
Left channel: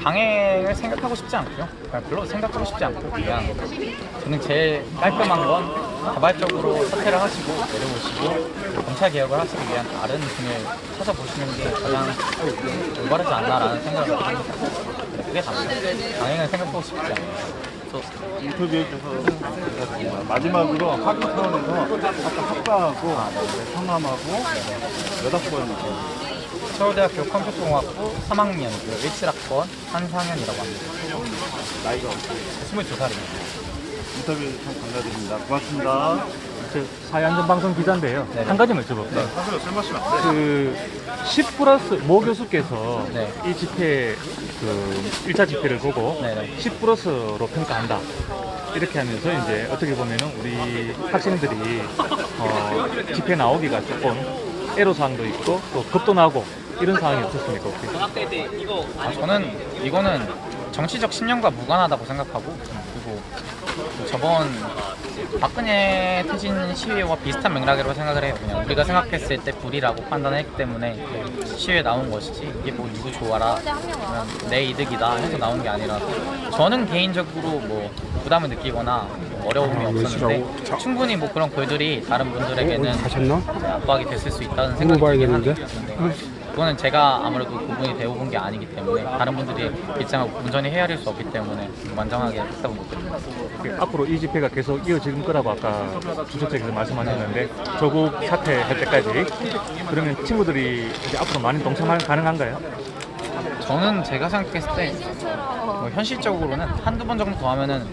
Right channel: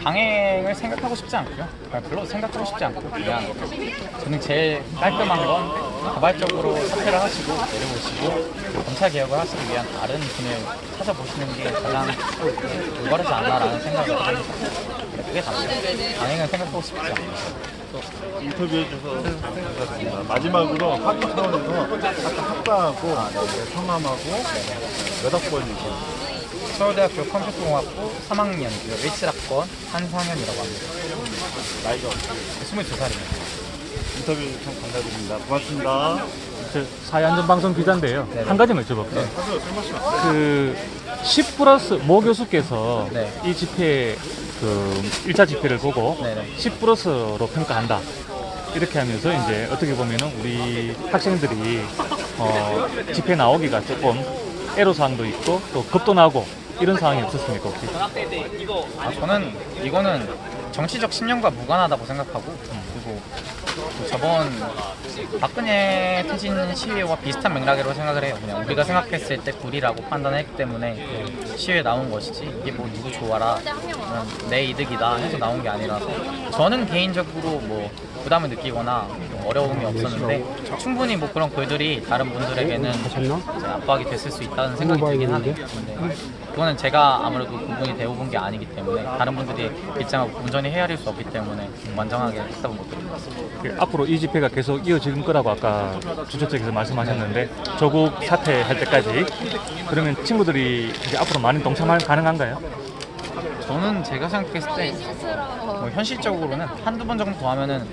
강행을 생각하고 싶지 않고요. 별로 생각하고 싶지 않고 그냥 저는 제일 깔끔한 건 자발적으로 사퇴를 하시고 내려오시고 검찰 개혁을 하시기 위한 다른 분을 찾아보시는 게 가장 올바르지 않나라는 생각을 합니다. 네, 그게 답니다. 강행을 생각하고 싶지 않아요. 인터뷰해 주셔서 감사드립니다. 마지막으로 학위 차원에서 아까 학과하고 성남하고 몇 학번이죠? 서울대학교 컴퓨터공학부 3학년이고요. 17학번 한상현이라고 합니다. 나이가 어떻게? 22살입니다. 인터뷰 참 감사드립니다. 고맙습니다. 사회안전방송 기자인데요. 네네. 한 가지만 여쭤볼게요. 네. 그 10+ 모 교수께서 네. 이 집회 그 1차 집회를 보고 네네. 10+로 평가한다. 이렇게 하면서 이제 어떻게 보면은 우리 학생들이 집회 나오기가 조금 애로사항도 있고 또 겁도 나고 이런 상황이 없었습니까 혹시? 저는 이거는 정치적 신념과 무관하다고 생각하고 그리고 저번 박근혜 퇴진 시위와 비슷한 맥락이라고 생각을 해요. 그냥 우리가 생각했을 때 불이라고 판단했기 때문에 시위에 나온 것이지 이게 뭐 누구 좋아라 그냥 내 이득이다 해서 나온 게 아니라서 저는 개인적으로 뭐 부담을 느끼거나 어려움이 없었는데 충분히 뭐 그런 글들이 다른 분들에게는 이제 압박이 됐을 수 있다는 생각이 들긴 하네요. 근데 그거는 제가 아무래도 구분이 되어본 게 아니기 때문에 다른 분들이 입장을 온전히 헤아릴 수 없기 때문에 완전하게 했다고 못 드립니다. 앞으로 이 집회가 계속 이어질 거라고 아까 주최측에서 말씀하셨는데 조국 사퇴할 때까지 그러면 친구들이 이제 앞으로 많이 동참할 가능한가요? 저는 제가 생각했을 때 뭐 현실적으로는 한두 번 정도 더 하면은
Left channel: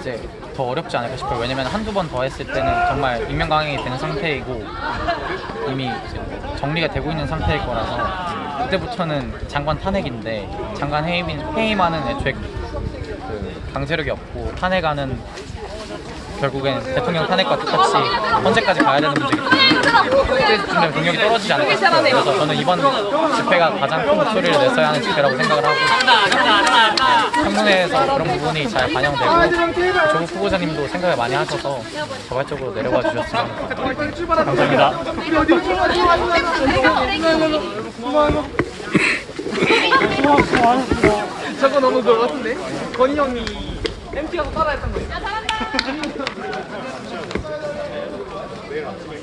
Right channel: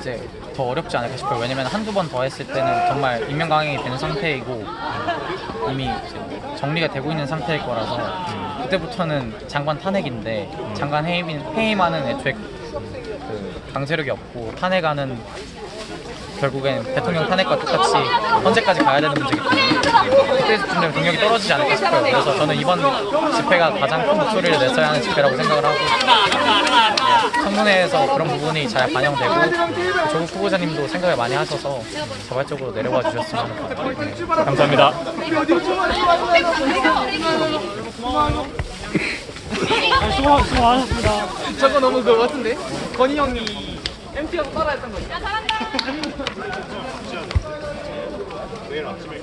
이제 더 어렵지 않을까 싶어요. 왜냐면 한두 번 더 했을 때는 정말 임명강행이 된 상태이고 이미 이제 뭐 정리가 되고 있는 상태일 거라서 그때부터는 장관 탄핵인데 장관 해임하는 애초에 그 강제력이 없고 탄핵하는 결국엔 대통령 탄핵과 똑같이 헌재까지 가야 되는 문제이기 때문에 그때쯤 되면 동력이 떨어지지 않을까 싶어요. 그래서 저는 이번 집회가 가장 큰 목소리를 냈어야 하는 집회라고 생각을 하고 청문회에서 그런 부분이 잘 반영되고 조국 후보자님도 생각을 많이 하셔서 자발적으로 내려와 주셨으면 하는 바람입니다. 감사합니다. 수고하셨습니다. 저거 너무 그거 같은데? 건희 형이 MT하고 따라했던 거 있어. 내일 아침에